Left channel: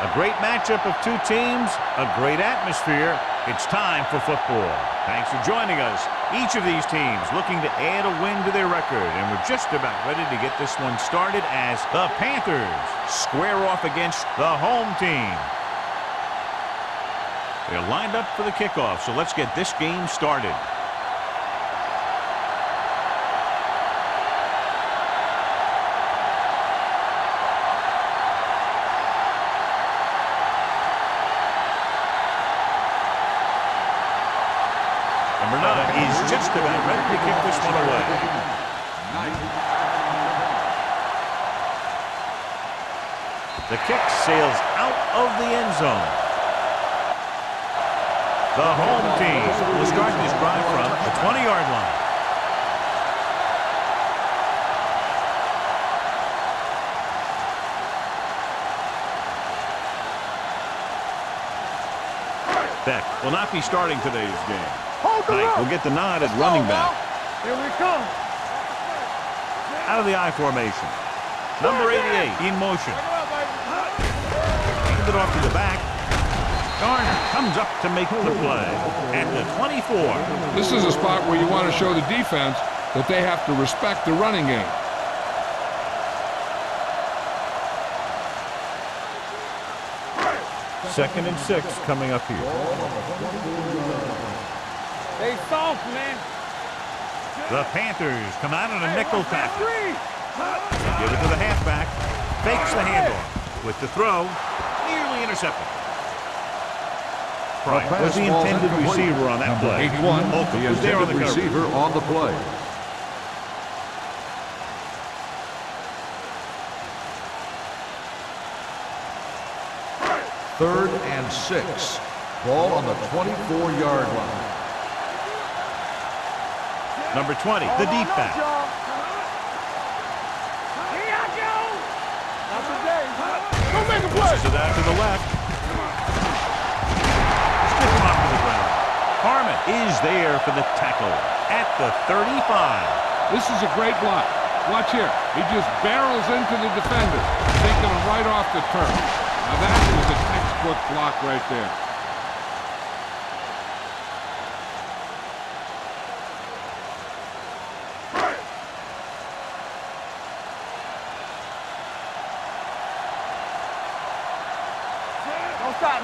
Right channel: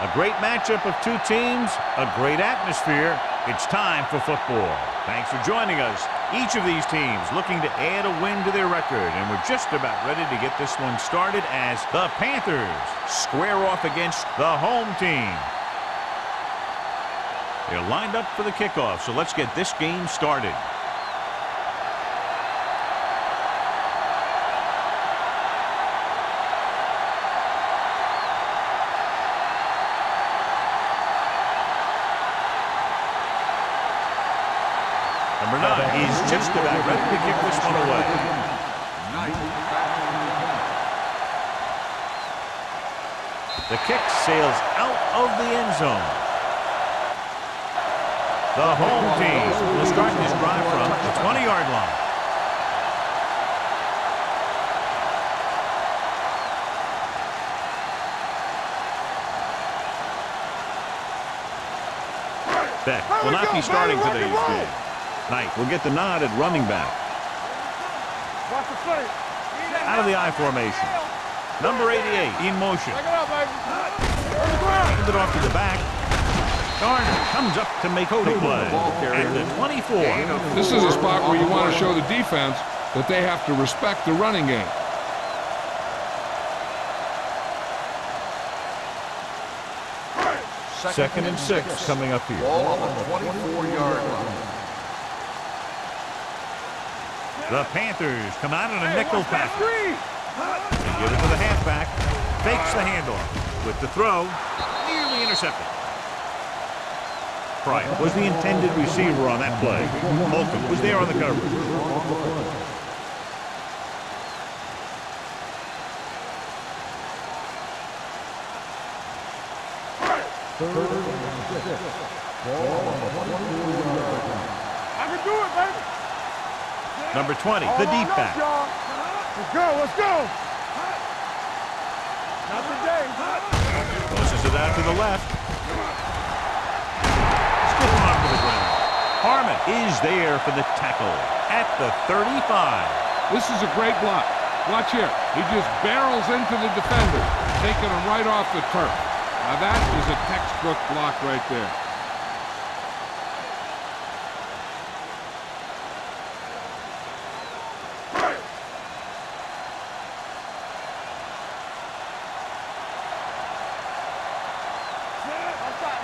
A great matchup of two teams, a great atmosphere. It's time for football. Thanks for joining us. Each of these teams looking to add a win to their record, and we're just about ready to get this one started as the Panthers square off against the home team. They're lined up for the kickoff, so let's get this game started. Number 9 is just about ready to kick this one away. The kick sails out of the end zone. The home team will start this drive from the 20-yard line. Beck will not be starting today's game. Knight will get the nod at running back. Out of the I formation. Number 88 in motion. Hand it off to the back. Garner comes up to make the play at the 24. This is a spot where you want to show the defense that they have to respect the running game. Second and 6 coming up here. The Panthers come out in a nickel package. They give it to the halfback. Fakes the handoff. With the throw, nearly intercepted. Pryor was the intended receiver on that play. Holcomb was there on the coverage. Third and 6. Ball on the 24-yard line. Number 20, the deep back. Let's go. Not today. Pushes it out to the left. Stiff arm to the ground. Harmon is there for the tackle at the 35. This is a great block. Watch here. He just barrels into the defender, taking him right off the turf. Now that is a textbook block right there.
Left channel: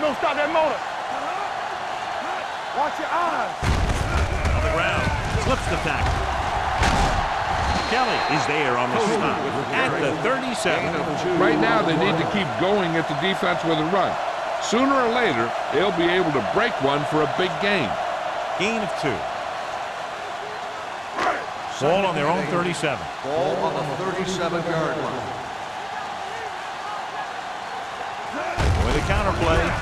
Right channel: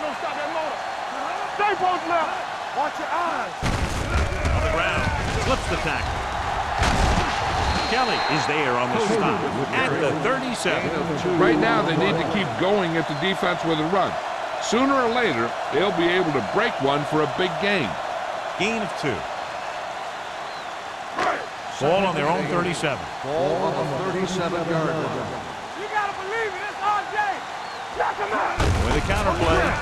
Don't stop that motor. Stay close now. Watch your eyes. On the ground, slips the tackle. Kelly is there on the stop at the 37. Right now they need to keep going at the defense with a run. Sooner or later, they'll be able to break one for a big gain. Gain of 2. Ball on their own 37. Ball on the 37-yard line. With a counter play.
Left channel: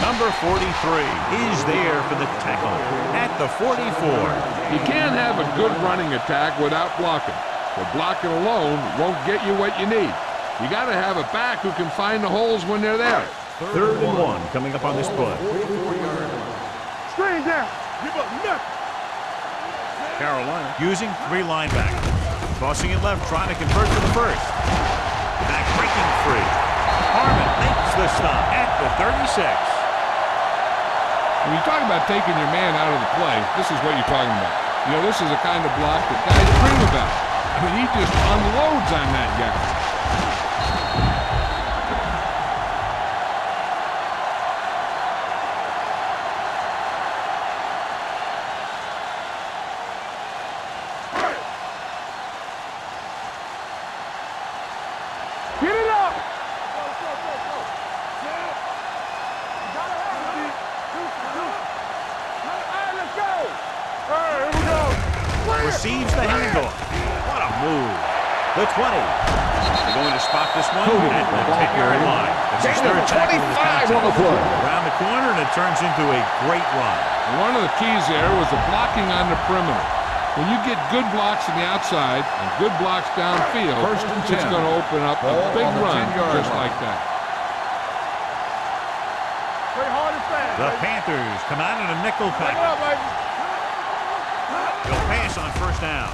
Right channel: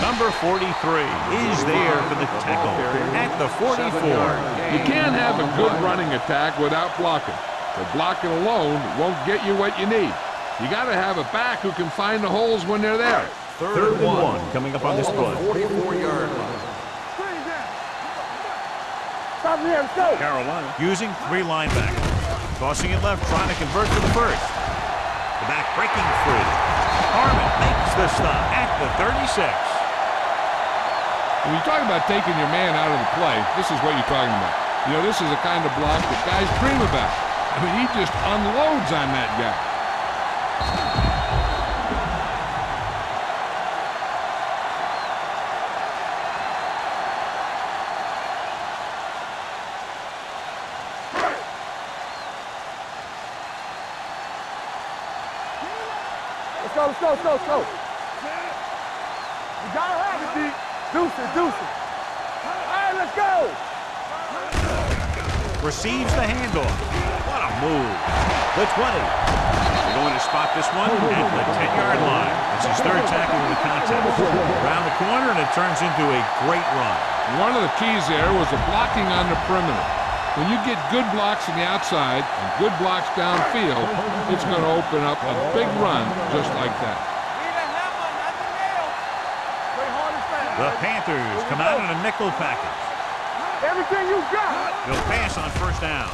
Number 43 is there for the tackle at the 44. You can't have a good running attack without blocking. But blocking alone won't get you what you need. You got to have a back who can find the holes when they're there. Third and 1 coming up on this play. 44-yard line. Screen down. Carolina using 3 linebackers. Tossing it left, trying to convert to the first. The back breaking free. Harmon makes the stop at the 36. When you talk about taking your man out of the play, this is what you're talking about. You know, this is the kind of block that guys dream about. I mean, he just unloads on that guy. Get it up. Let's go. You gotta have it, D. Deuces. All right, let's go. Receives the handoff. What a move. The 20. They're going to spot this one at the 10-yard line. That's his third tackle of the contest. Around the corner, and it turns into a great run. And one of the keys there was the blocking on the perimeter. When you get good blocks on the outside and good blocks downfield, it's going to open up a big run just like that. The Panthers come out in a nickel package. They'll pass on first down.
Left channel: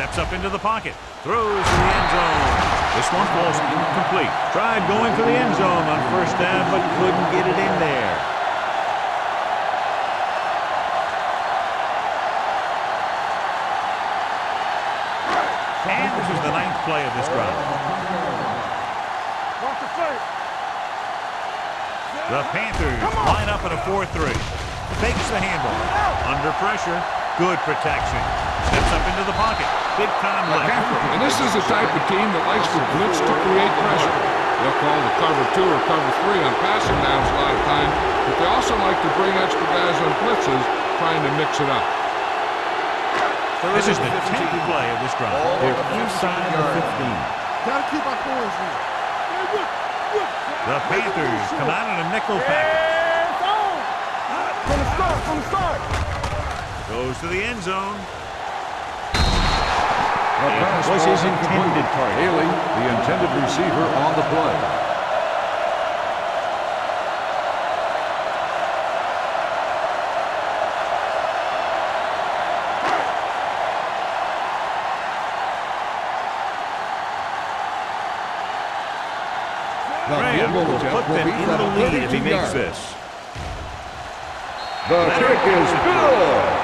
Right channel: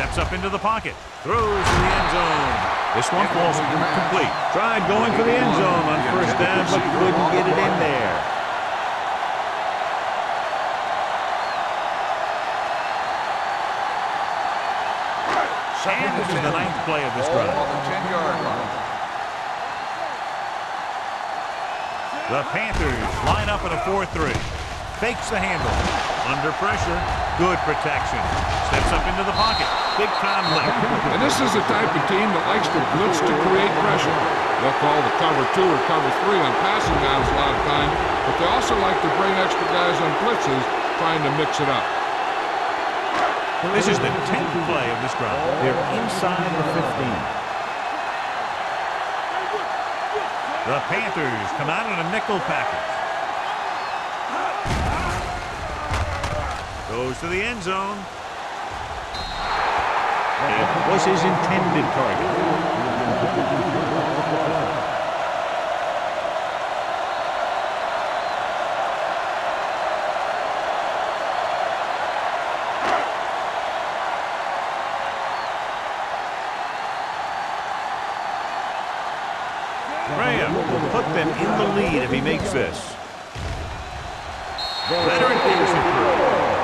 Steps up into the pocket. Throws to the end zone. This one falls incomplete. Tried going for the end zone on first down, but couldn't get it in there. And this is the 9th play of this drive. The Panthers line up in a 4-3. Fakes the handoff. Under pressure. Good protection. Steps up into the pocket. Big time lift. And this is the type of team that likes to blitz to create pressure. They'll call the cover 2 or cover 3 on passing downs a lot of time, but they also like to bring extra guys on blitzes, trying to mix it up. This is the 10th play of this drive. They're inside the 15. The Panthers come out in a nickel package. Goes to the end zone. It was his intended target. Haley, the intended receiver on the play. Graham will put them in the lead if he makes this. Leonard gives it through.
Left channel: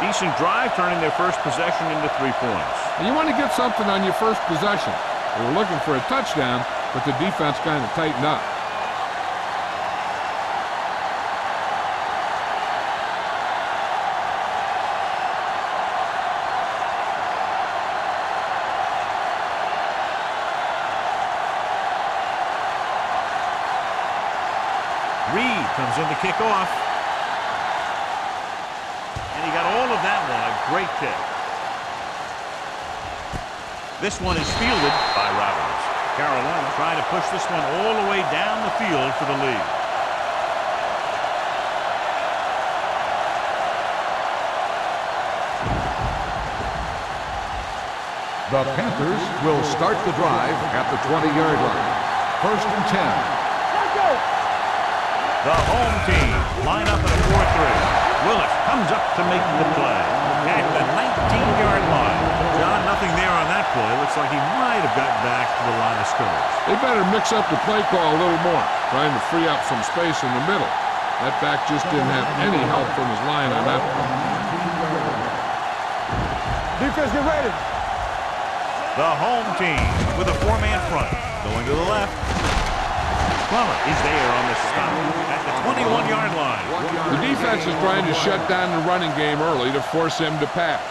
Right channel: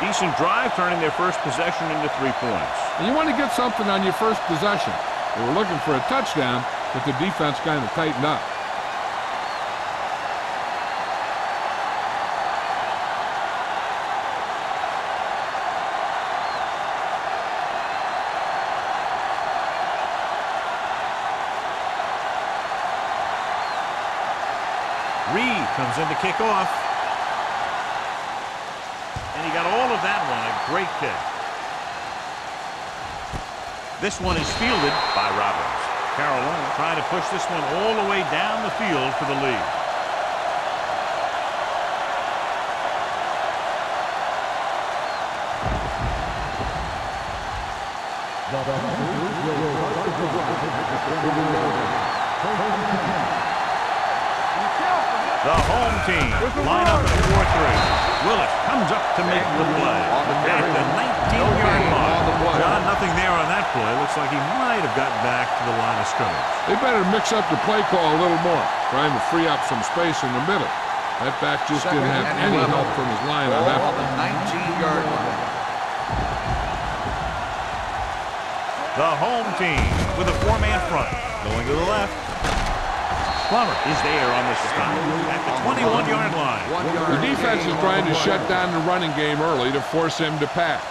Decent drive, turning their first possession into 3 points. And you want to get something on your first possession. They were looking for a touchdown, but the defense kind of tightened up. Reed comes in to kick off. And he got all of that one. A great kick. This one is fielded by Robbins. Carolina trying to push this one all the way down the field for the lead. The Panthers will start the drive at the 20-yard line. 1st and 10. The home team line up in a 4-3. Willis comes up to make the play at the 19-yard line. John, nothing there on that play. Looks like he might have gotten back to the line of scrimmage. They better mix up the play call a little more, trying to free up some space in the middle. That back just didn't have any help from his line on that play. 19-yard line. Defense, get ready. The home team with a 4-man front. Going to the left. Plummer is there on the stop at the 21-yard line. The defense is trying to shut down the running game early to force him to pass.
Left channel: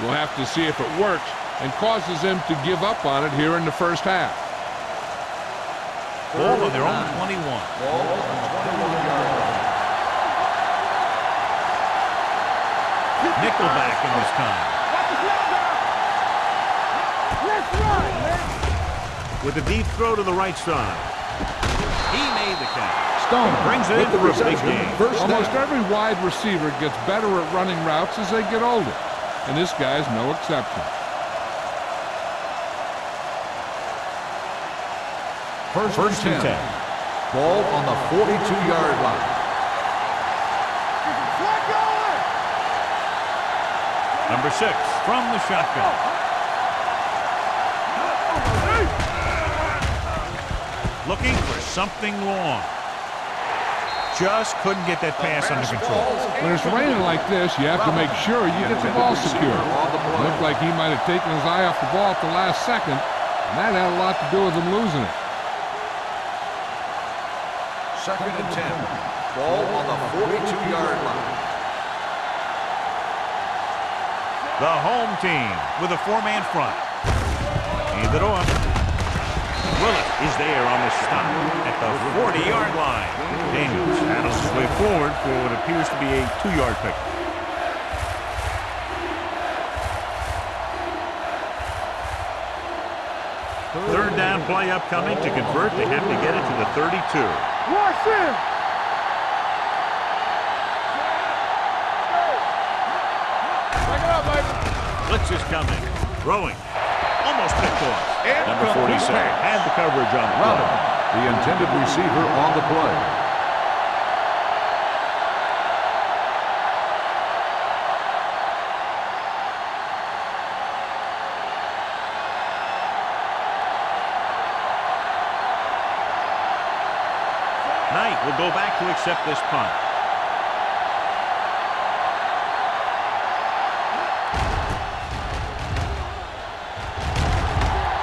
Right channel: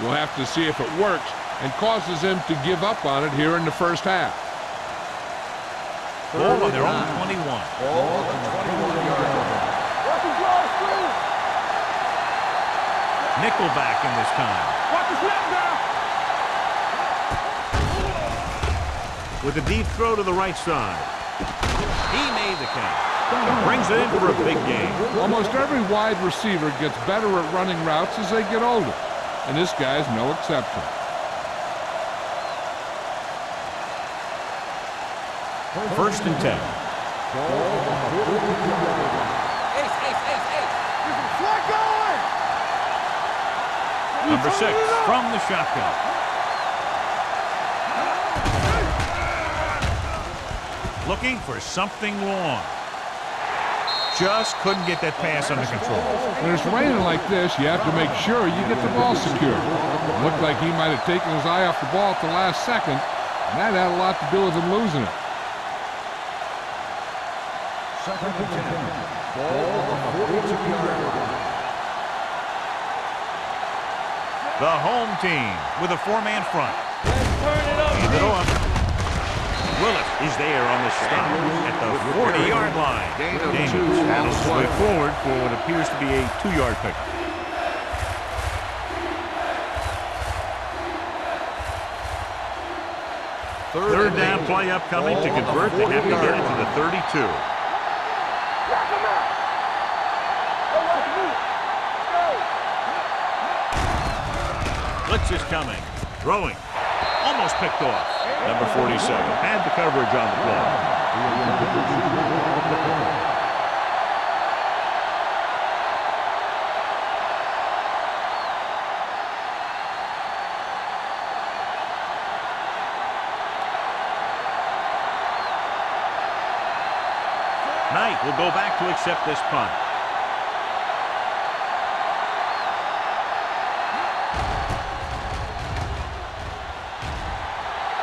We'll have to see if it works and causes him to give up on it here in the first half. Ball on their own 21. Ball on the 21-yard line. Nickelback in this time. Watch the snap now. With a deep throw to the right side. He made the catch. Stone brings it in for a big game. Almost every wide receiver gets better at running routes as they get older, and this guy's no exception. First and 10. Ball on the 42-yard line. Get some slack going. Number 6 from the shotgun. Looking for something long. Just couldn't get that pass under control. When it's raining like this, you have to make sure you get the ball secure. It looked like he might have taken his eye off the ball at the last second, and that had a lot to do with him losing it. 2nd and 10. Ball on the 42-yard line. The home team with a 4-man front. Hand it off. Willis is there on the stop at the 40-yard line. Daniels handles his way forward for what appears to be a 2-yard pickup. Third down play upcoming. To convert, they have to get it to the 32. Watch him. Blitz is coming. Throwing. Almost picked off. Number 47 had the coverage on the play. The intended receiver on the play. Knight will go back to accept this punt.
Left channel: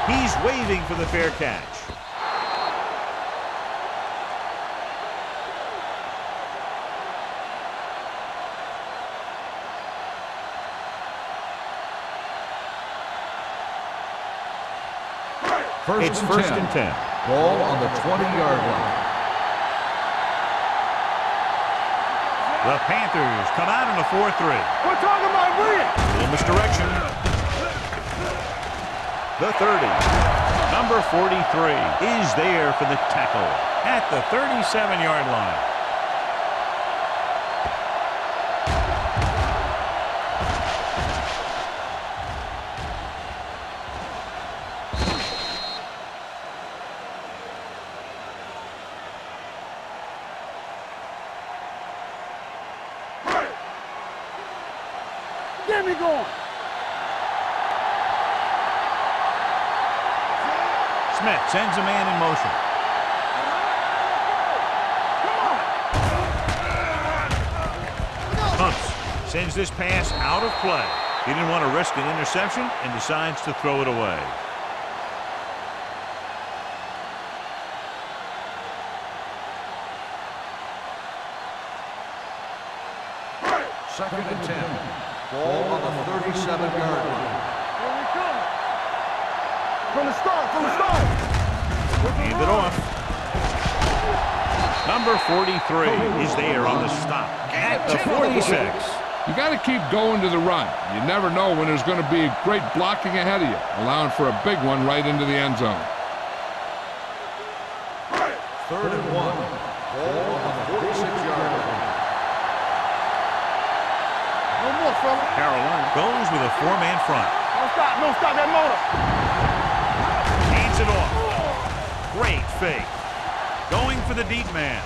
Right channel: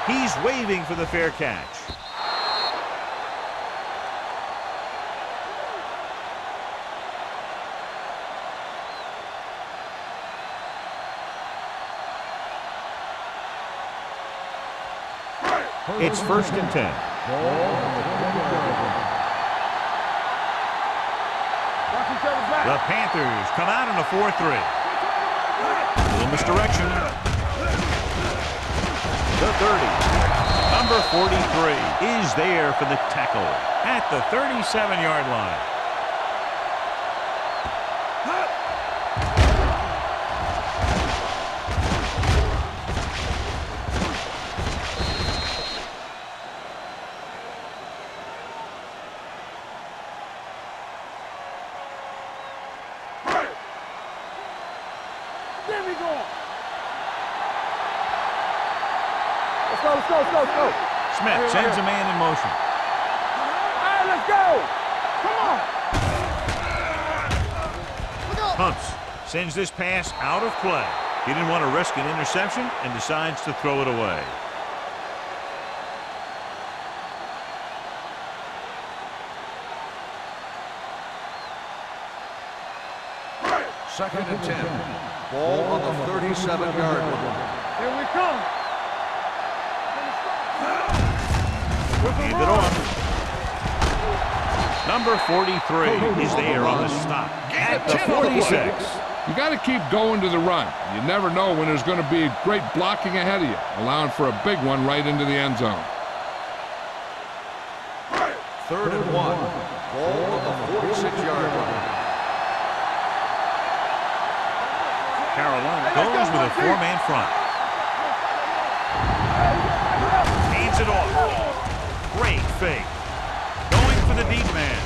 He's waving for the fair catch. It's first and 10. Ball on the 20-yard line. The Panthers come out in a 4-3. We're talking about winning. Little misdirection. The 30. Number 43 is there for the tackle at the 37-yard line. Get me going. Let's go. Smith sends a man in motion. Let's go. Come on. Hunts sends this pass out of play. He didn't want to risk an interception and decides to throw it away. Second and 10. Ball on the 37-yard line. Here we come. From the start. Hand it off. Number 43 is there on the stop at the 46. You got to keep going to the run. You never know when there's going to be great blocking ahead of you, allowing for a big one right into the end zone. Third and 1. Ball on the 46-yard line. Carolina goes with a 4-man front. Hands it off. Great fake. Going for the deep man.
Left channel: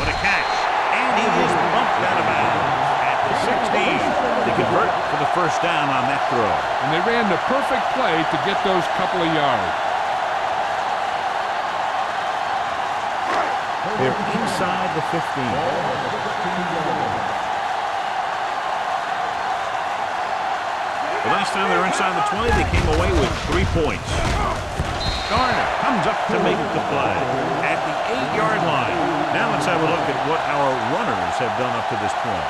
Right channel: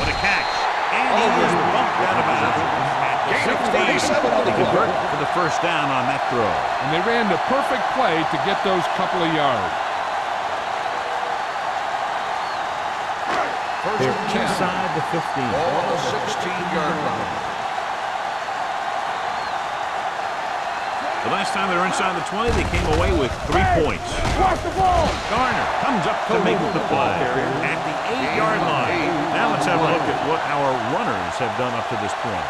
What a catch. And he is bumped out of bounds at the 16. They convert for the first down on that throw. And they ran the perfect play to get those couple of yards. They're inside the 15. Ball on the 16-yard line. The last time they were inside the 20, they came away with 3 points. Garner comes up to make the play at the 8-yard line. Now let's have a look at what our runners have done up to this point.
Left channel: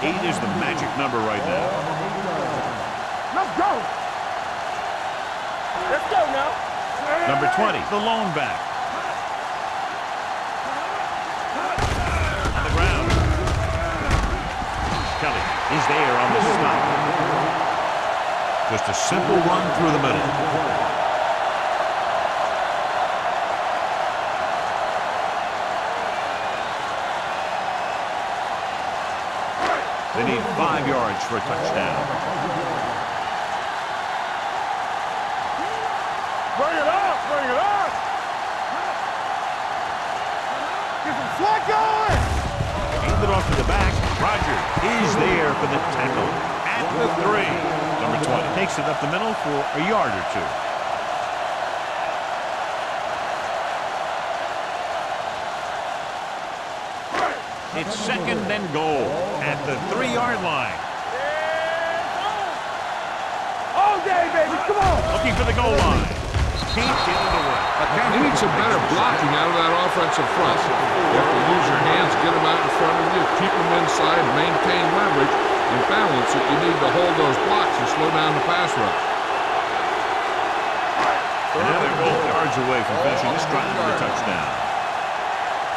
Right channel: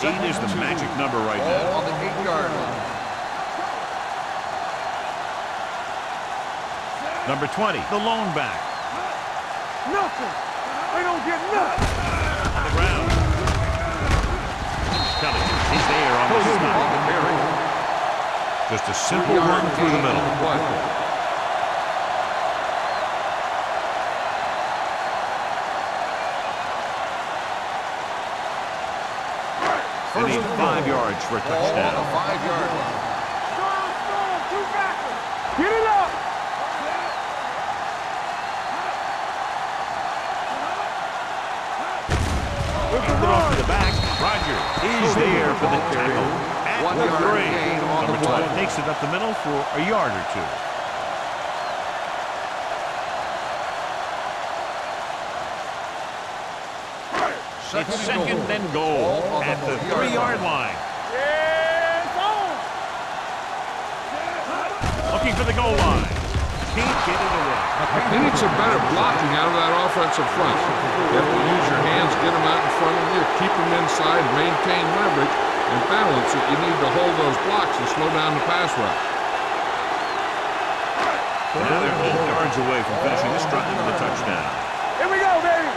Eight is the magic number right now. On the 8-yard line. Let's go now. Number 20, the lone back. Nothing. They don't get nothing. On the ground. Kelly is there on the stop. Just a simple run through the middle. They need 5 yards for a touchdown. Get it up. Bring it up. Get some slack going. Hand it off to the back. Rogers is there for the tackle at the 3. Number 20 takes it up the middle for a yard or 2. It's second and goal at the 3-yard line. Yeah, it's on. All day, baby. Come on. Looking for the goal line. Can't get it away. They need some better blocking out of that offensive front. You have to use your hands, get them out in front of you, keep them inside, maintain leverage, and balance it. You need to hold those blocks and slow down the pass rush. And now they're 8 yards away from finishing this drive with a touchdown. Here we go, baby.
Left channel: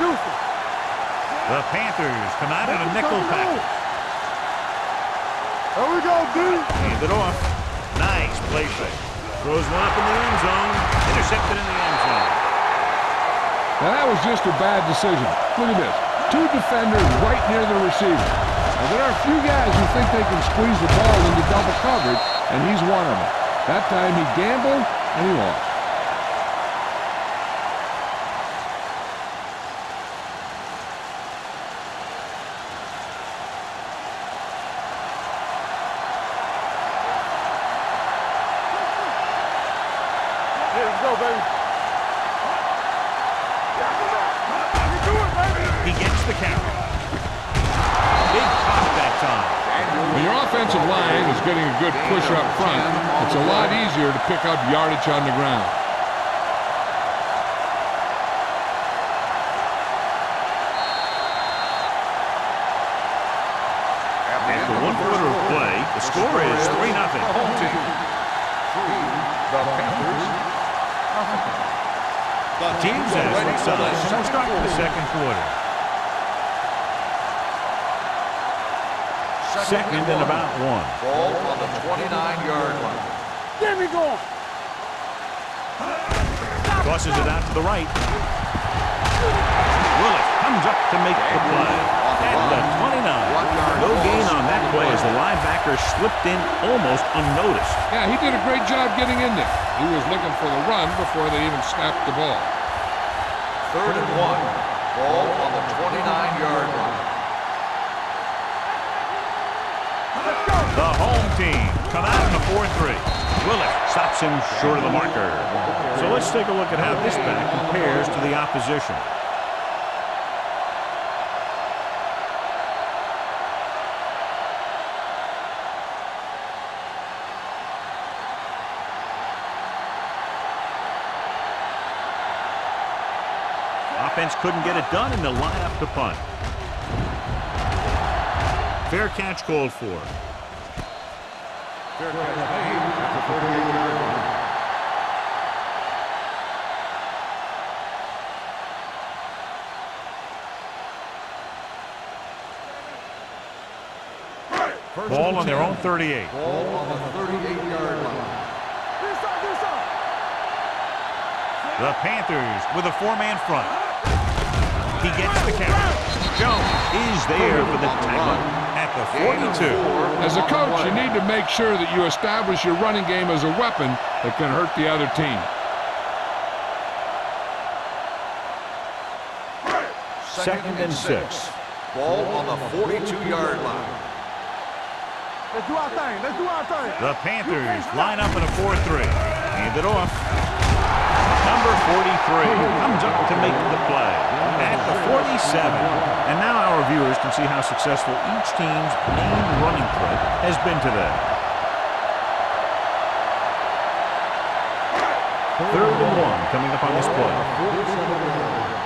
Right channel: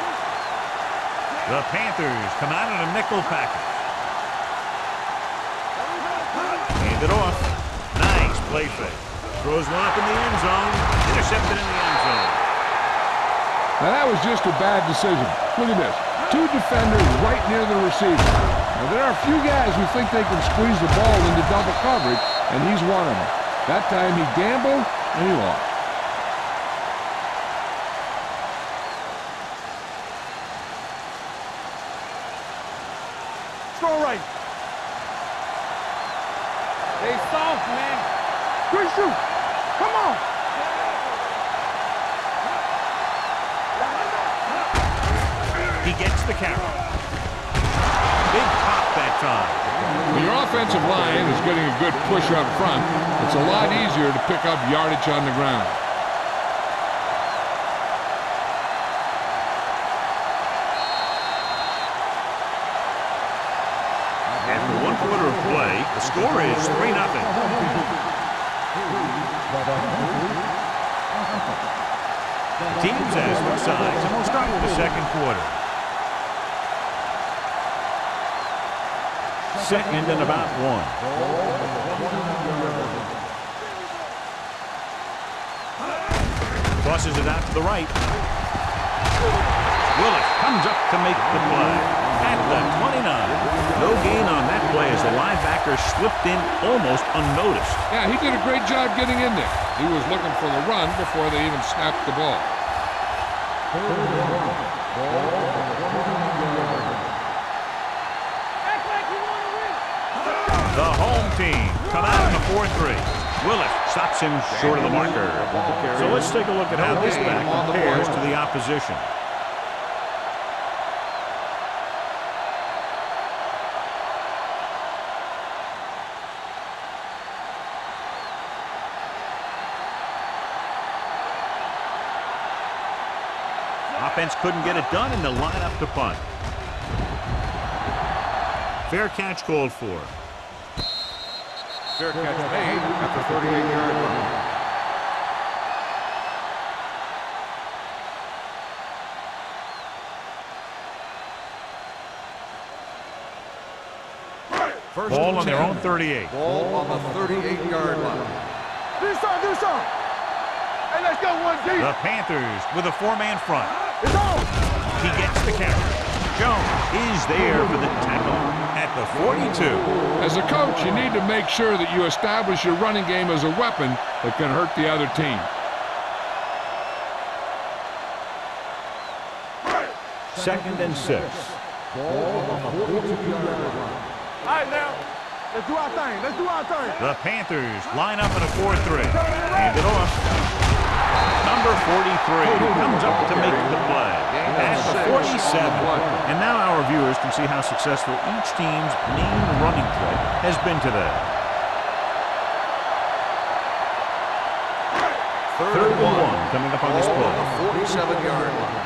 Deuce it. The Panthers come out in a nickel package. Here we go, dude. Hand it off. Nice play fake. Throws one up in the end zone. Intercepted in the end zone. Now that was just a bad decision. Look at this. 2 defenders right near the receiver. Now there are a few guys who think they can squeeze the ball into double coverage, and he's one of them. That time he gambled, and he lost. Throw right. They saw Good shoot. Come on. There you go, baby. He gets the carry. Big pop that time. When your offensive line is getting a good push up front, it's a lot easier to pick up yardage on the ground. After 1 quarter of play, the score is 3-0. Home team. 3, the Panthers. The teams have switched sides, and we'll start with the second quarter. Second and about 1. Ball on the 29-yard line. There we go. Tosses it out to the right. Willis comes up to make the play at the 29. No gain on that play as the linebacker slipped in almost unnoticed. Yeah, he did a great job getting in there. He was looking for the run before they even snapped the ball. 3rd and 1. Ball on the 29-yard line. Act like you want to win. The home team come out in the 4-3. Willis stops him short of the marker. So let's take a look at how this back compares to the opposition. Offense couldn't get it done, and they'll line up to punt. Fair catch called for. Fair catch made at the 38-yard line. Ball on their own 38. Ball on the 38-yard line. Do some. Hey, let's go, 1-0. The Panthers with a 4-man front. He gets the carry. Jones is there for the tackle at the 42. As a coach, you need to make sure that you establish your running game as a weapon that can hurt the other team. Second and 6. Ball on the 42-yard line. All right, now. Let's do our thing. The Panthers line up in a 4-3. Hand it off. Number 43 comes up to make the play at the 47. And now our viewers can see how successful each team's main running threat has been today. 3rd and 1 coming up on this play. 47-yard line.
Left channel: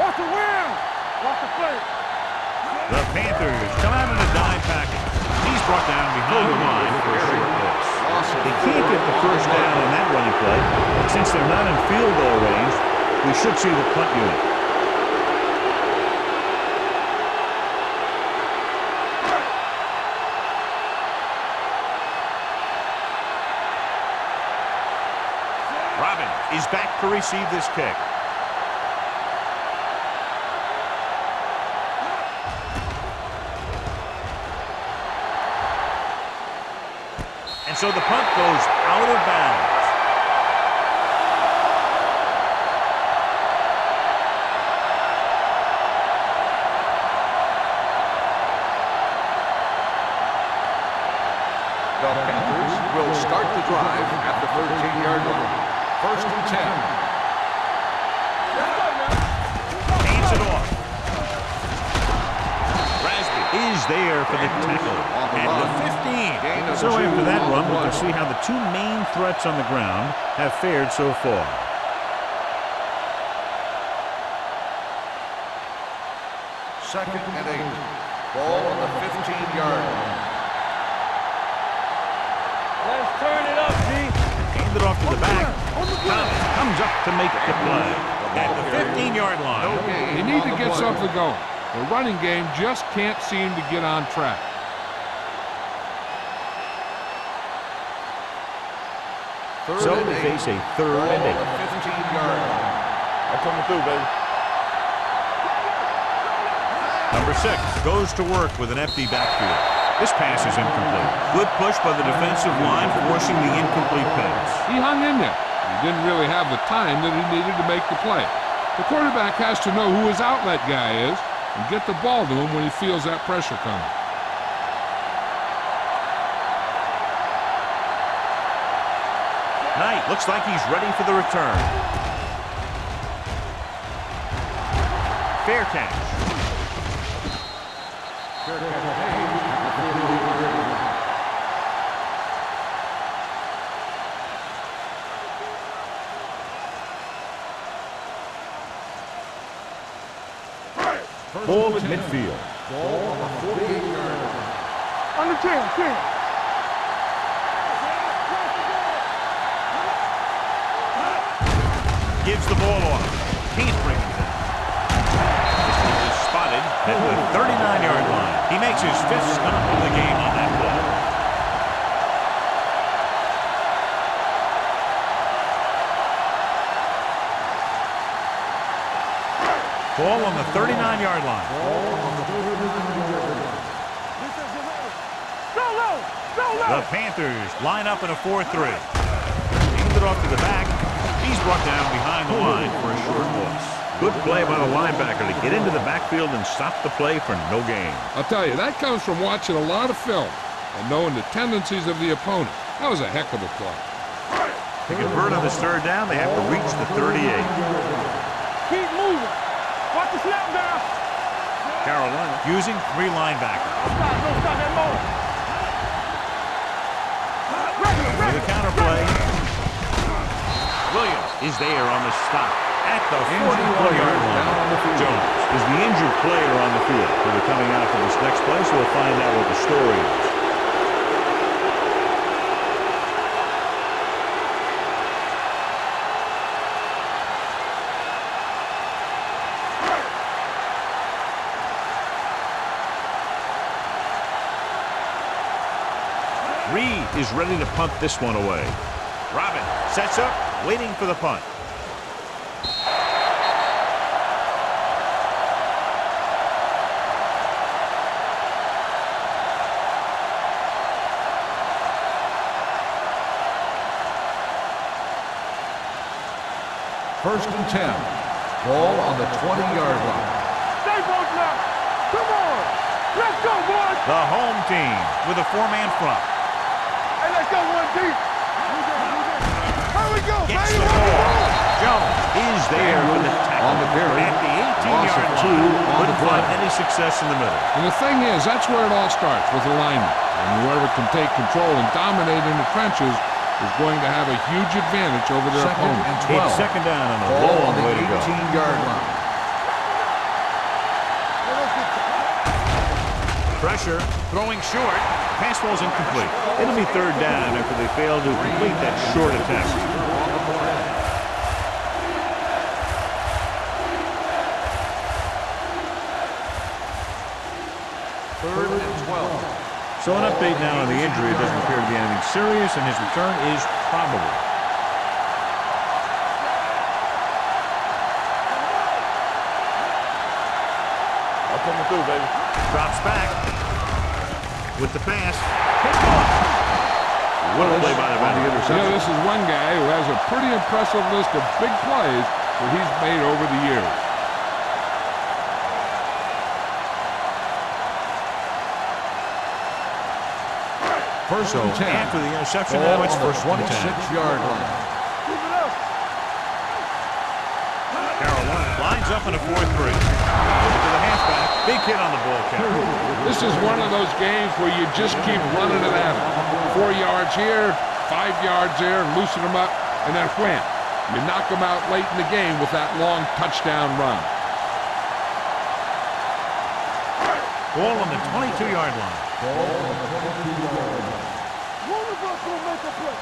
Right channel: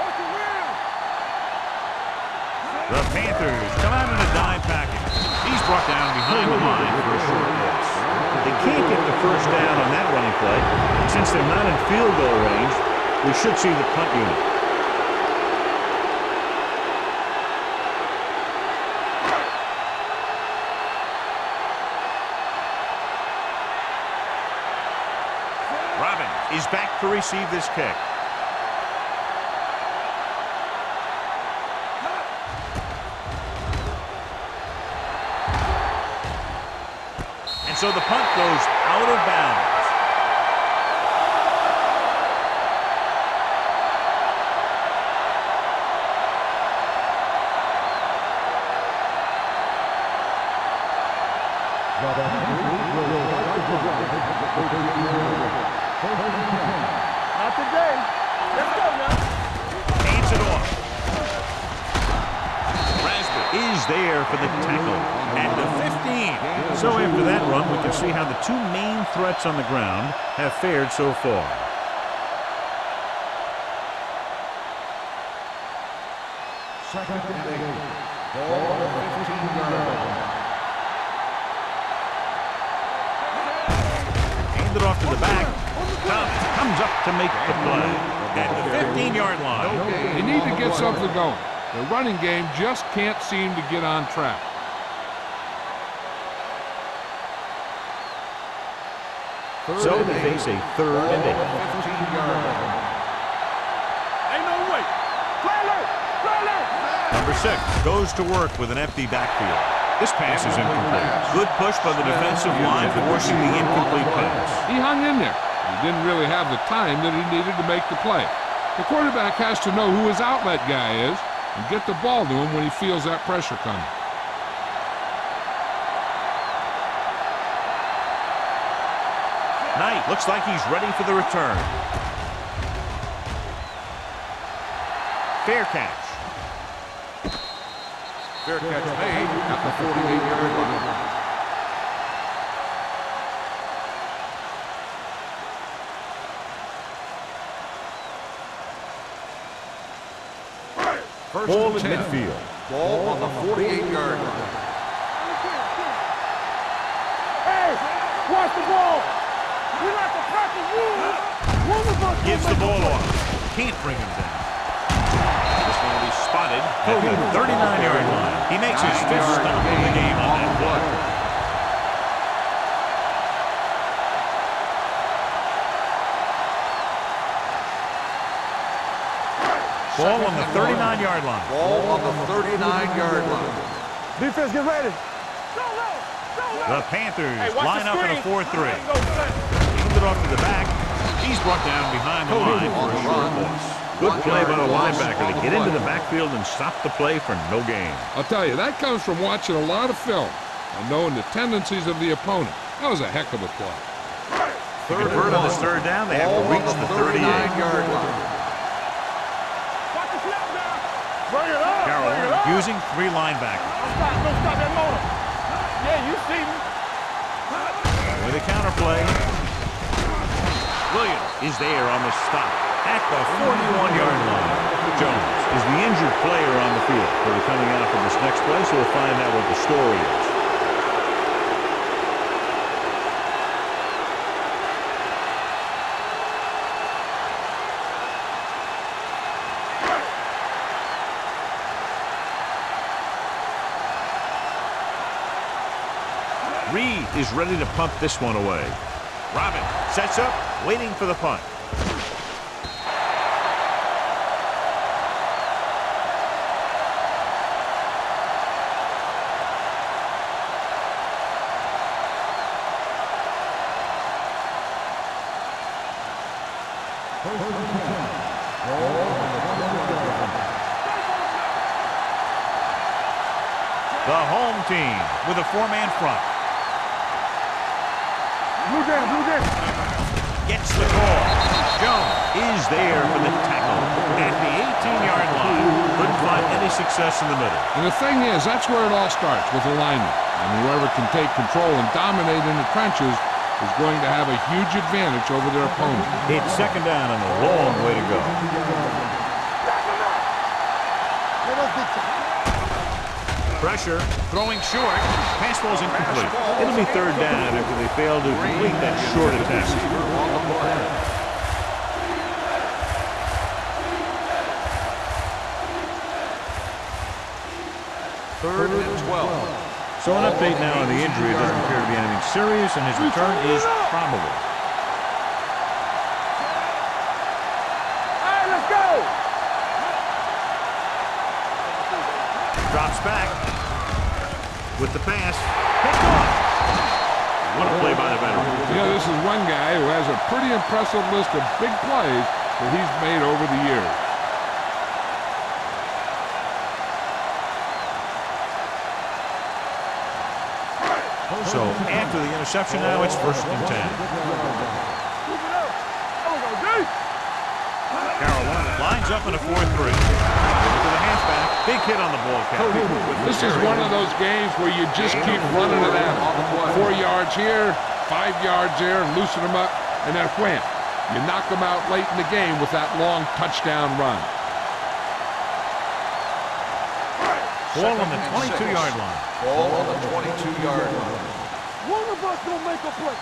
Watch the wheel. Watch the play. The Panthers come out in a dime package. He's brought down behind the line for a short loss. They can't get the first down on that running play, and since they're not in field goal range, we should see the punt unit. Robbins is back to receive this kick. And so the punt goes out of bounds. The Panthers will start the drive at the 13-yard line. 1st and 10. Not today. Let's go now. Hands it off. Rasby is there for the tackle at the 15. So after that run, we can see how the two main threats on the ground have fared so far. Second and 8. Ball on the 15-yard line. Hand it off to the back. Thomas comes up to make the play at the 15-yard line. They need to get something going. The running game just can't seem to get on track. So they face a 3rd and 8. 15-yard line. I'm coming through, baby. Ain't no way. Play alert. Number 6 goes to work with an empty backfield. This pass is incomplete. Good push by the defensive line, forcing the incomplete pass. He hung in there. He didn't really have the time that he needed to make the play. The quarterback has to know who his outlet guy is and get the ball to him when he feels that pressure coming. Knight looks like he's ready for the return. Fair catch. Fair catch made at the 48-yard line. Ball at midfield. Ball on the 48-yard line. On the 10. Hey, watch the ball. Gives the ball off. Can't bring him down. This one is spotted at the 39-yard line. He makes his 5th stop of the game on that play. Ball on the 39-yard line. Ball on the 39-yard line. Defense, get ready. Go low. The Panthers line up in a 4-3. Hand it off to the back. He's brought down behind the line for a short loss. Good play by the linebacker to get into the backfield and stop the play for no gain. I'll tell you, that comes from watching a lot of film and knowing the tendencies of the opponent. That was a heck of a play. To convert on this 3rd down, they have to reach the 38. Keep moving. Watch the snap down. Carolina using 3 linebackers. Don't stop that motor. Yeah, you see me. With a counterplay. Williams is there on the stop at the 41-yard line. Jones is the injured player on the field. He'll be coming out for this next play, so we'll find out what the story is. Reed is ready to punt this one away. Robin sets up, waiting for the punt. First and 10. Ball on the 20-yard line. Stay both now. Come on. Let's go, boys. The home team with a 4-man front. Hey, let's go, 1 deep. Blue down. Here we go. Gets the call. Jones is there for the tackle at the 18-yard line. Couldn't find any success in the middle. And the thing is, that's where it all starts, with alignment. And whoever can take control and dominate in the trenches is going to have a huge advantage over their opponent. It's 2nd down and a long way to go. 18-yard line. Pressure, throwing short. Pass ball's incomplete. It'll be 3rd down after they fail to complete that short attempt. On the play. Third and 12. So an update now on the injury. It doesn't appear to be anything serious, and his return is probable. Hey, let's go. Drops back with the pass. Picked off. What a play by the veteran. You know, this is one guy who has a pretty impressive list of big plays that he's made over the years. So after the interception, now it's 1st and 10. Keep it up. Carolina lines up in a 4-3. Give it to the halfback. Big hit on the ball carrier. This is one of those games where you just keep running it at them. 4 yards here, 5 yards there, and loosen them up, and then wham. You knock them out late in the game with that long touchdown run. Ball on the 22-yard line. Ball on the 22-yard line. One of us gonna make a play.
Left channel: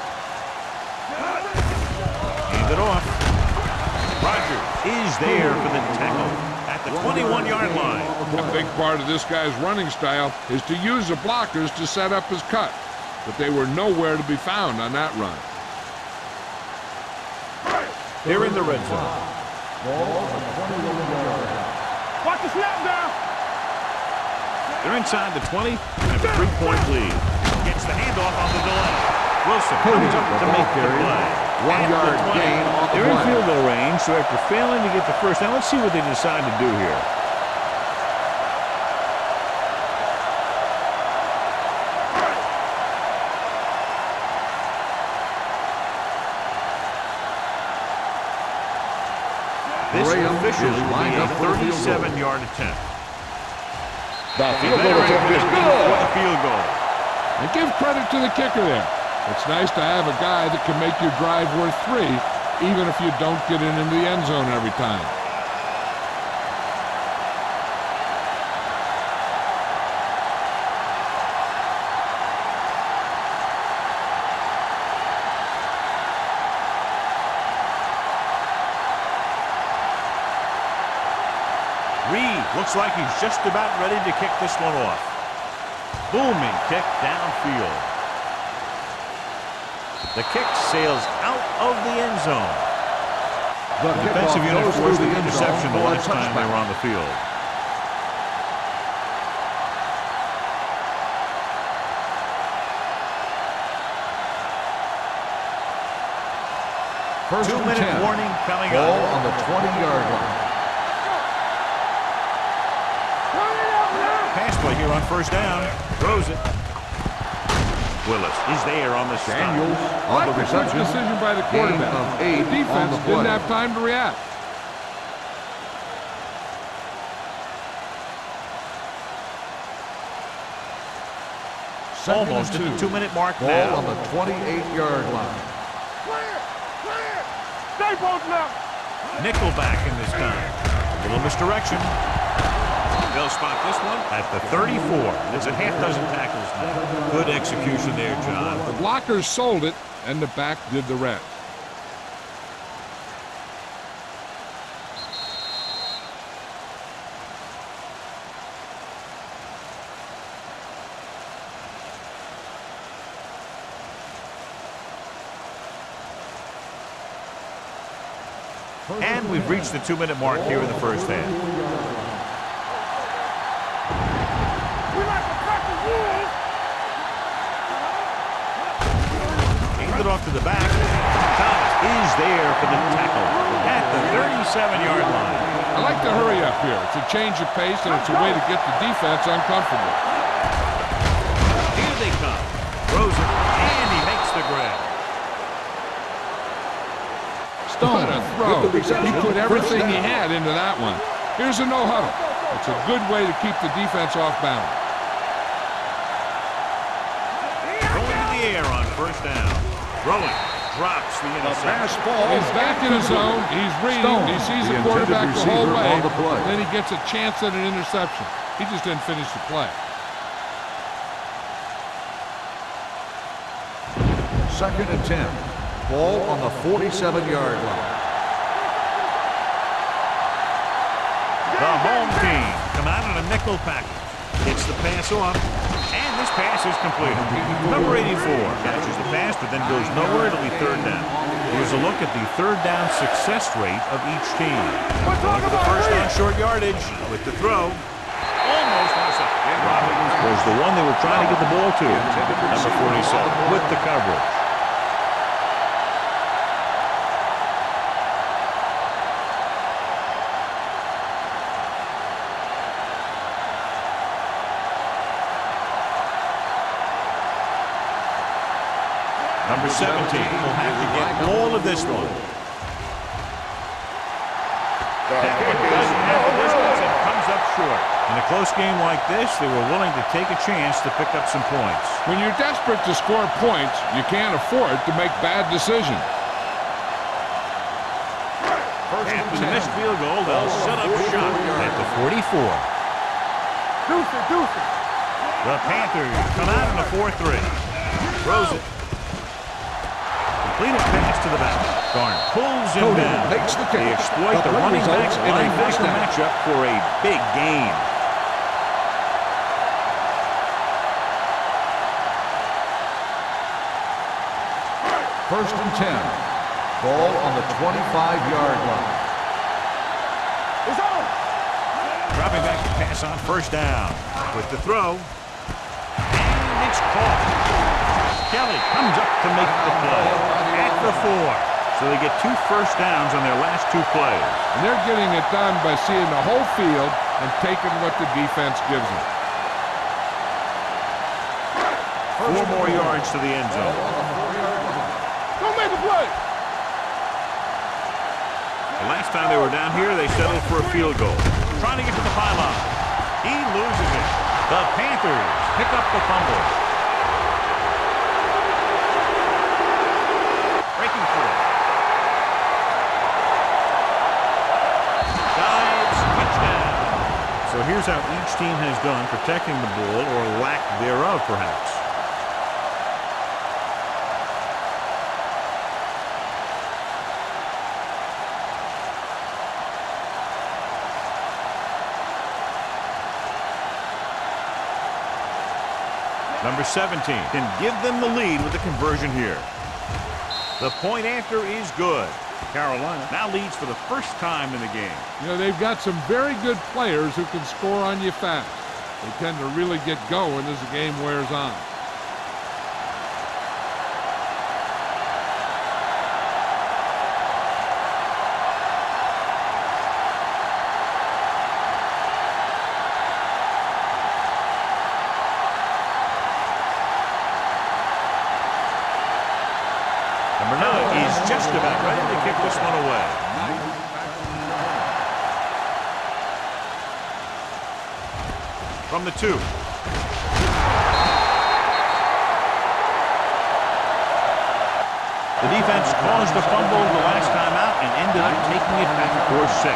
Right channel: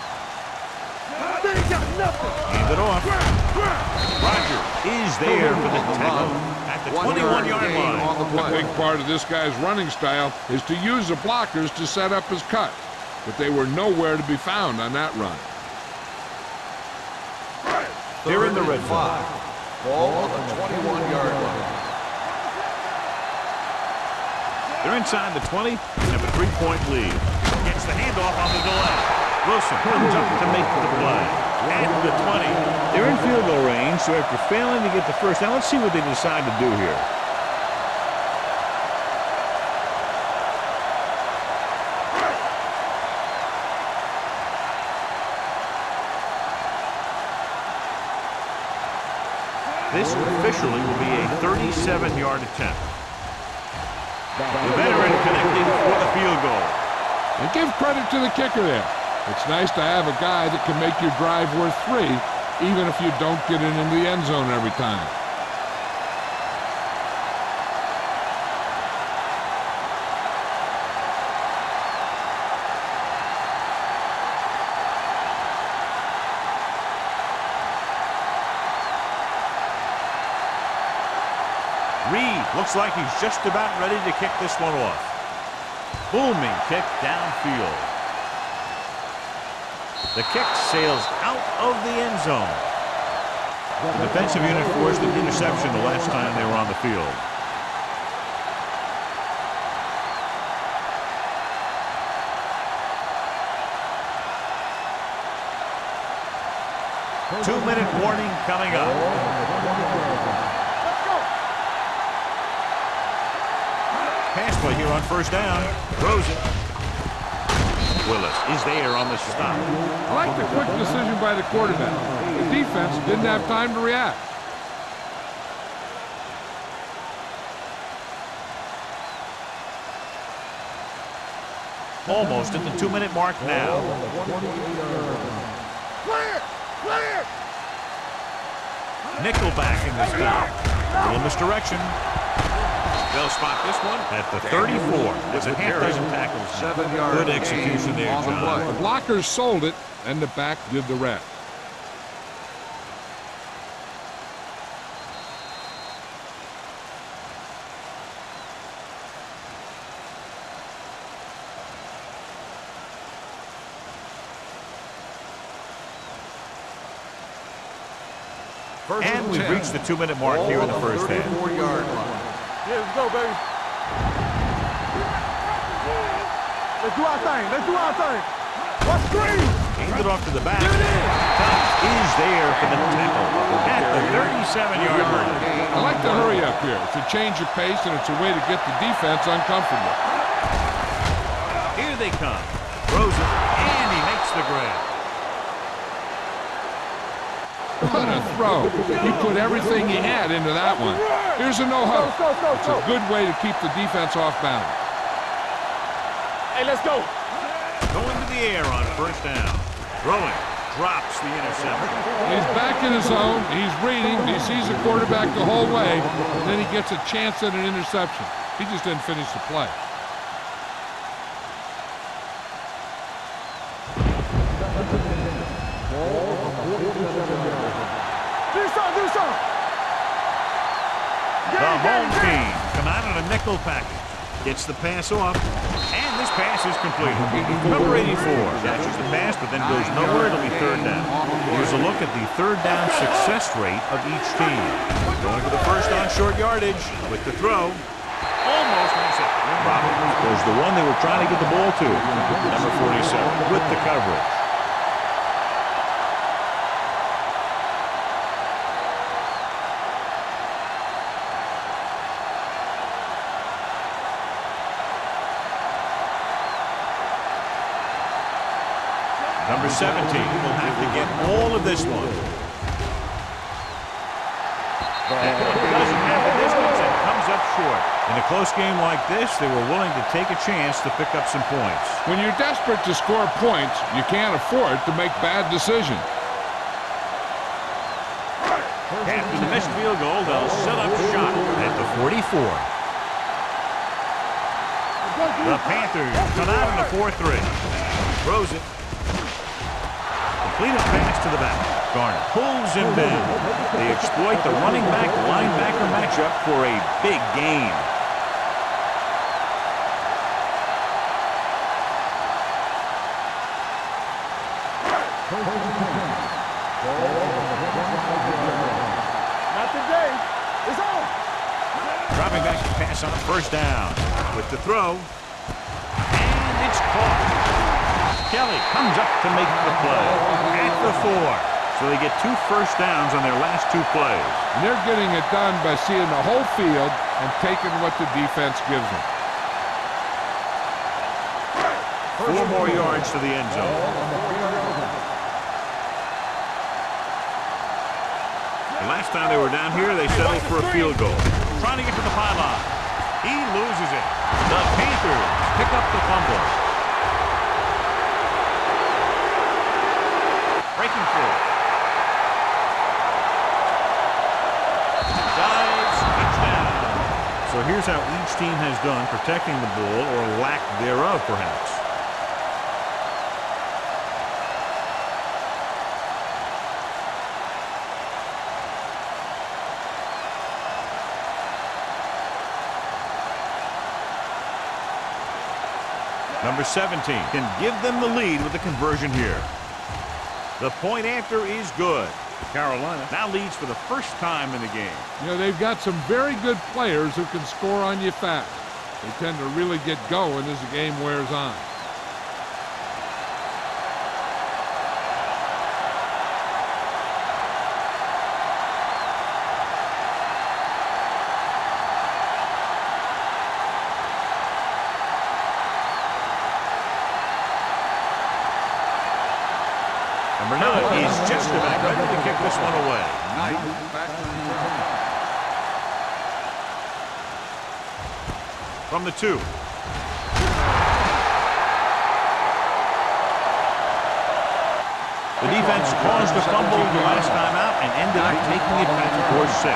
Hand it off. Rogers is there for the tackle at the 21-yard line. A big part of this guy's running style is to use the blockers to set up his cut, but they were nowhere to be found on that run. They're in the red zone. Ball on the 21-yard line. Watch the snap down. They're inside the 20 and have a 3-point lead. Gets the handoff on the delay. Wilson comes up to make the play. At the 20, they're in field goal range, so after failing to get the first down, let's see what they decide to do here. This officially will be a 37-yard attempt. The veteran connecting for the field goal. And give credit to the kicker there. It's nice to have a guy that can make your drive worth 3, even if you don't get it into the end zone every time. Reed looks like he's just about ready to kick this one off. Booming kick downfield. The kick sails out of the end zone. The defensive unit forced an interception the last time they were on the field. Two-minute warning coming up. On the 20-yard line. Pass play here on first down. Throws it. Willis is there on the stop. I like the quick decision by the quarterback. The defense didn't have time to react. Almost at the 2-minute mark now. On the 28-yard line. Clear! Clear! Stay both now! Nickelback in this time. A little misdirection. They'll spot this one at the 34. That's a half dozen tackles now. Good execution there, John. The blockers sold it, and the back did the rest. And we've reached the 2-minute mark here in the first half. Let's go, baby. We like to practice rules. Let's do our thing. Let's do our thing. Aimed it off to the back. Thomas is there for the tackle at the 37-yard line. I like to hurry up here. It's a change of pace, and it's a way to get the defense uncomfortable. Here they come. Throws it, and he makes the grab. What a throw. He put everything he had into that one. Here's a no-huddle. It's a good way to keep the defense off balance. Hey, let's go. Going to the air on first down. Throwing. Drops the interception. He's back in his zone. He's reading. He sees the quarterback the whole way. Then he gets a chance at an interception. He just didn't finish the play. Second and 10. Ball on the 47-yard line. The home team come out in a nickel package. Gets the pass off, and this pass is completed. Number 84 catches the pass, but then goes nowhere. It'll be third down. Here's a look at the third down success rate of each team. Going for the first on short yardage with the throw. Almost intercepted. Robbins was the one they were trying to get the ball to. Number 47 with the coverage. Number 17 will have to get all of this one. That one doesn't have the distance and comes up short. In a close game like this, they were willing to take a chance to pick up some points. When you're desperate to score points, you can't afford to make bad decisions. After the missed field goal, they'll set up shop at the 44. The Panthers come out in a 4-3. Throws it. Completed pass to the back. Garner pulls him down. They exploit the running back linebacker matchup for a big gain. First and 10. Ball on the 25-yard line. It's on. Dropping back to pass on first down. With the throw. And it's caught. Kelly comes up to make the play at the 4. So they get 2 first downs on their last 2 plays. And they're getting it done by seeing the whole field and taking what the defense gives them. 4 more yards to the end zone. Don't make a play. It Last time they were down here, they settled for a field goal. Trying to get to the pylon. He loses it. The Panthers pick up the fumble. Breaking through. Dives, touchdown. So here's how each team has done protecting the ball, or lack thereof, perhaps. Number 17 can give them the lead with the conversion here. The point after is good. Carolina now leads for the first time in the game. You know, they've got some very good players who can score on you fast. They tend to really get going as the game wears on. Number 9 is just about ready to kick this one away. Knight back to return. From the 2. The defense caused a fumble the last time out and ended up taking it back for 6.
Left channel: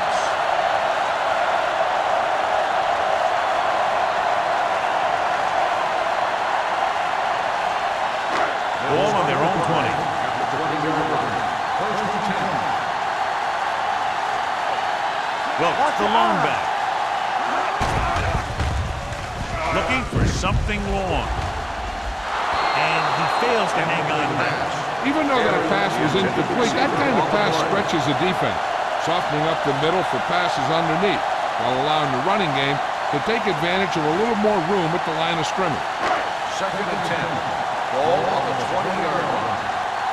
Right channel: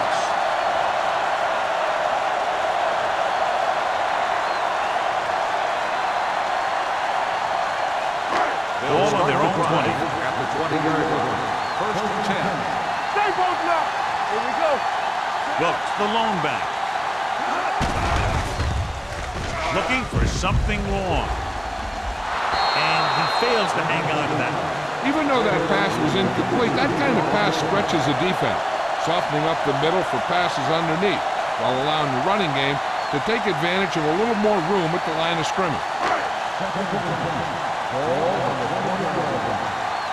Ball on their own 20. At the 20-yard line. First and 10. Here we go. Wilkes, the lone back. Looking for something long. And he fails to hang on to that. Even though that pass was incomplete, that kind of pass stretches the defense, softening up the middle for passes underneath, while allowing the running game to take advantage of a little more room at the line of scrimmage. Second and 10. Ball on the 20-yard line.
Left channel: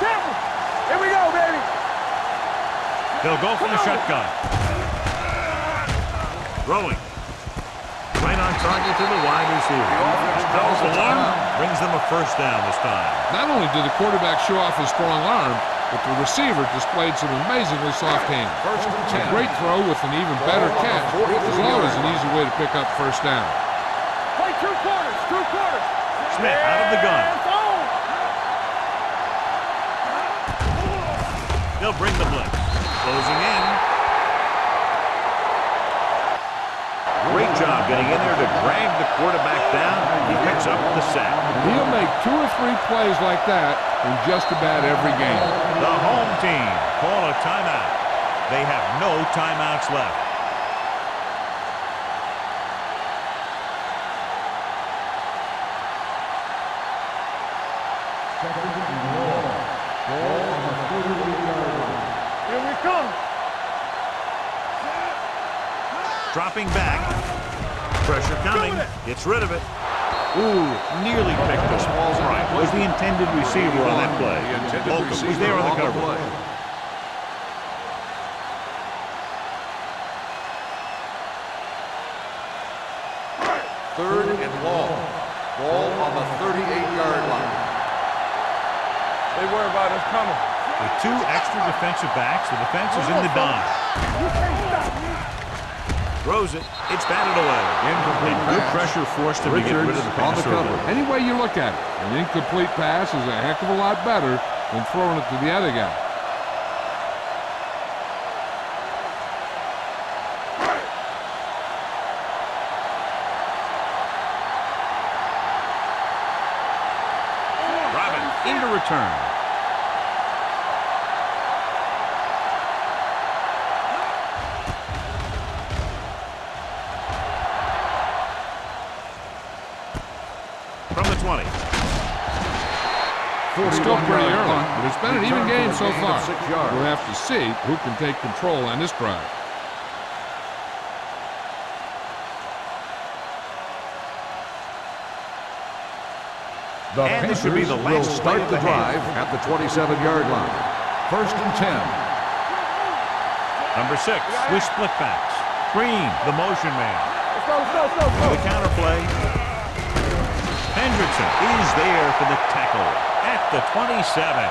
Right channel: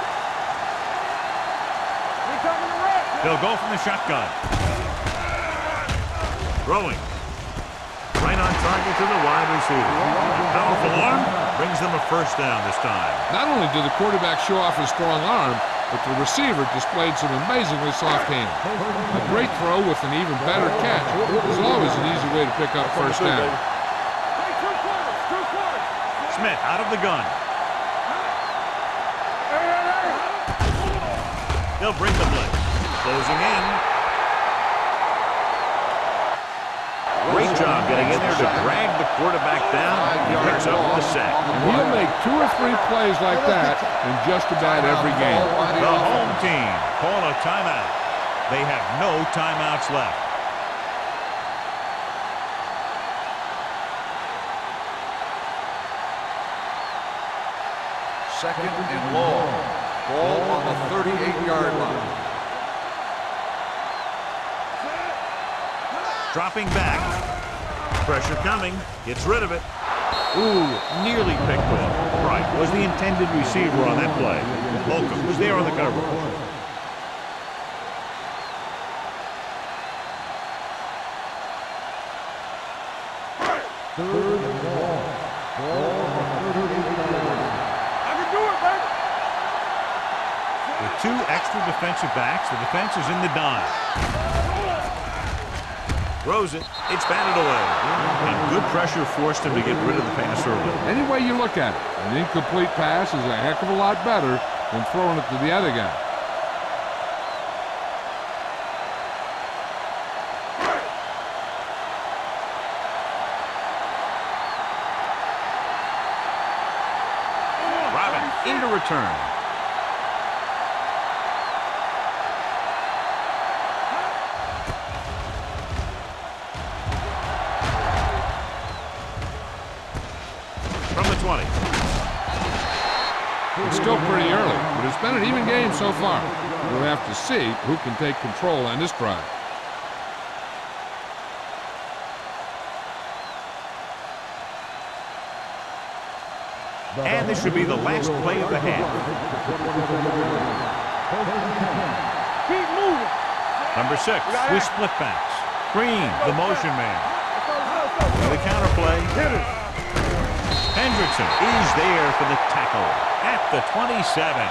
Careful. Here we go, baby. He'll go from the shotgun. Throwing. Right on target to the wide receiver. A powerful arm brings them a first down this time. Not only did the quarterback show off his strong arm, but the receiver displayed some amazingly soft hands. A great throw with an even better catch is always an easy way to pick up first down. Play 2 quarters. 2 quarters. Smith out of the gun. They'll bring the blitz. Closing in. Great job getting in there to drag the quarterback down. He picks up the sack. And he'll make 2 or 3 plays like that in just about every game. The home team call a timeout. They have no timeouts left. Second and long. Ball on the 38-yard line. Here we come. Dropping back. Pressure coming. Gets rid of it. Ooh, nearly picked off. Right, was the intended receiver on that play. Holcomb was there on the coverage. Third and long. Ball on the 38-yard line. They worry about us coming. With 2 extra defensive backs, the defense is in the dime. Throws it. It's batted away. And good pressure forced him to get rid of the pass early. Any way you look at it, an incomplete pass is a heck of a lot better than throwing it to the other guy. Robin into return. From the 20. It's still pretty early, but it's been an even game so far. We'll have to see who can take control on this drive. And this should be the last play of the half. At the 27-yard line. First and 10. Number 6 with split backs. Green, the motion man. Let's go. For the counterplay. Hendrickson is there for the tackle at the 27.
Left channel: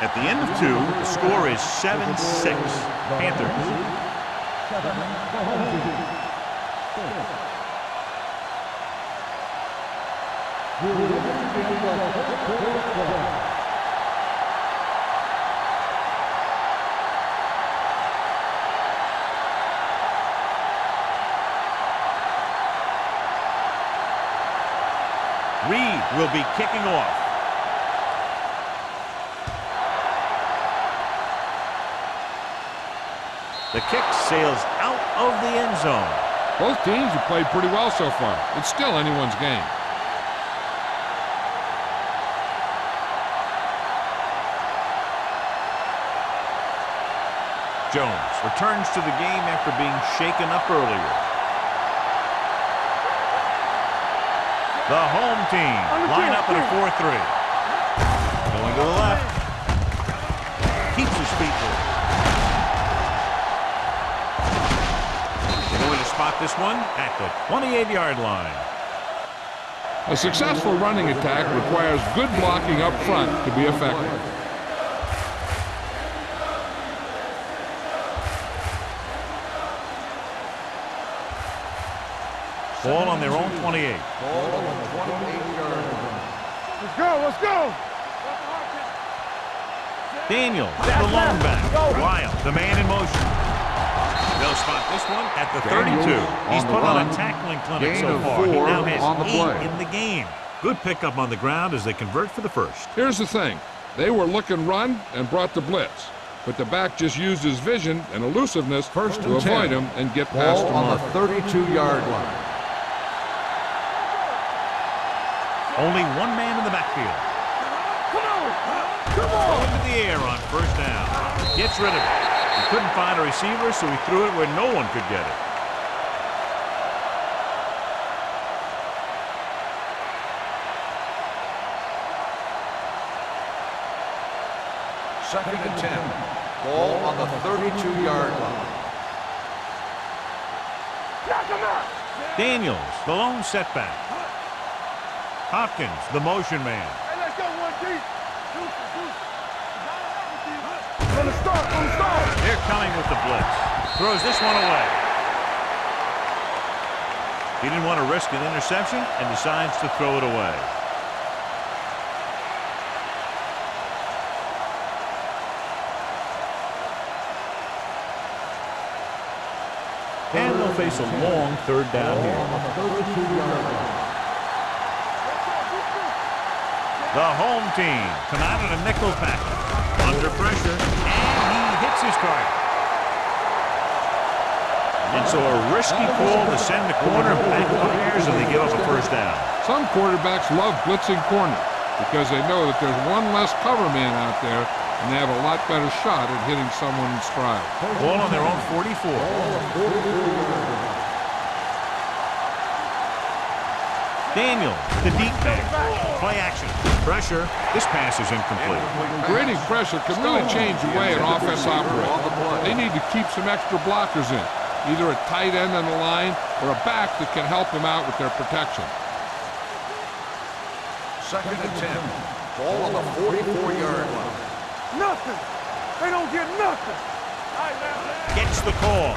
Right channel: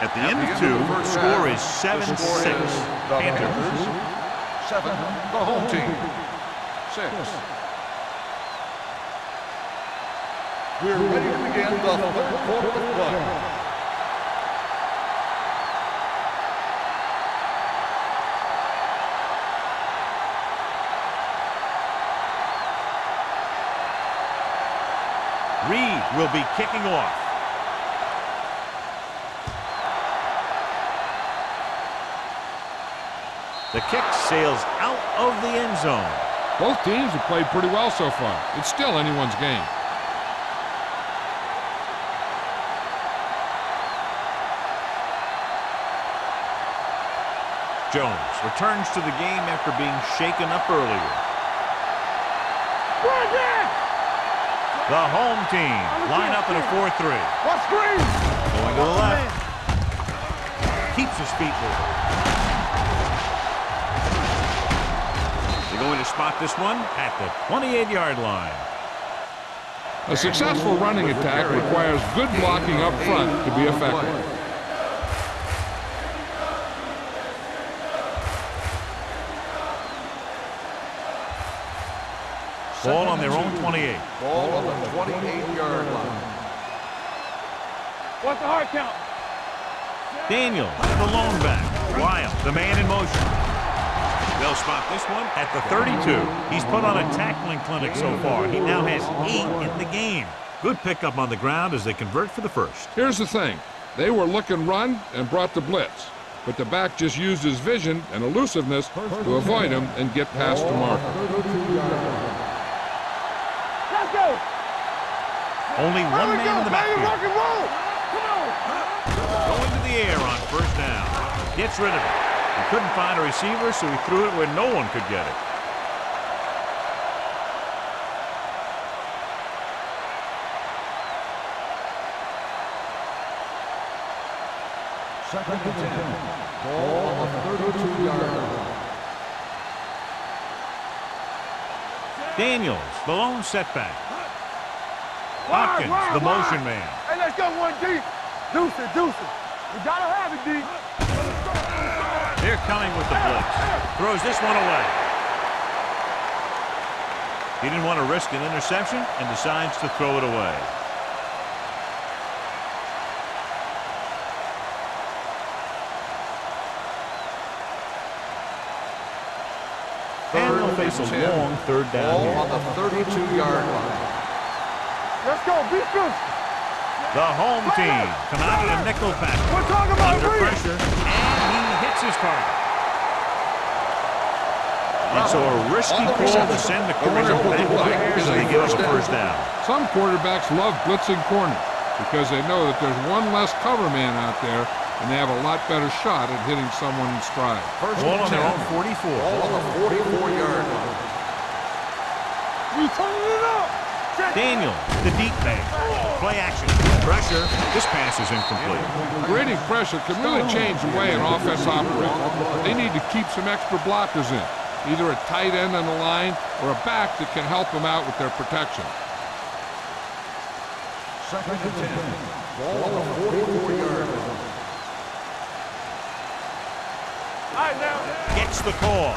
At the end of 2, the score is 7-6. Panthers. 7, the home team. 6. We're ready to begin the third quarter of play. Reed will be kicking off. The kick sails out of the end zone. Both teams have played pretty well so far. It's still anyone's game. Jones returns to the game after being shaken up earlier. The home team line up in a 4-3. Going to the left. Keeps his feet moving. They're going to spot this one at the 28-yard line. A successful running attack requires good blocking up front to be effective. Ball on their own 28. Ball on the 28-yard line. Let's go, let's go. What's the hard count? Daniels, the lone back. Wild, the man in motion. They'll spot this one at the 32. He's put on a tackling clinic so far. He now has 8 in the game. Good pickup on the ground as they convert for the first. Here's the thing. They were looking run and brought the blitz. But the back just used his vision and elusiveness to avoid him and get past the marker. 32-yard line. Only one man in the backfield. Going to the air on first down. Gets rid of it. He couldn't find a receiver, so he threw it where no one could get it. Second and 10. Ball on the 32-yard line. Daniels, the lone setback. Hopkins, the motion man. Hey, let's go one deep. Deuce it, deuce it. You gotta have it deep. From the start, from the start. They're coming with the blitz. Throws this one away. He didn't want to risk an interception and decides to throw it away. And they'll face a long third down here. On the 32-yard line. Let's go, beat you. The home team come out in a nickel package. Under pressure, and he hits his target. And so a risky call to send the corner backfires, and they give up a first down. Some quarterbacks love blitzing corners because they know that there's one less cover man out there and they have a lot better shot at hitting someone in stride. Ball on their own 44. Ball on the 44-yard line. Daniels, the deep man. Play action. Pressure. This pass is incomplete. Creating pressure can really change the way an offense operates. They need to keep some extra blockers in, either a tight end on the line or a back that can help them out with their protection. Second and 10. Ball on the 44-yard line. Nothing. They don't get nothing. All right, now. Gets the call.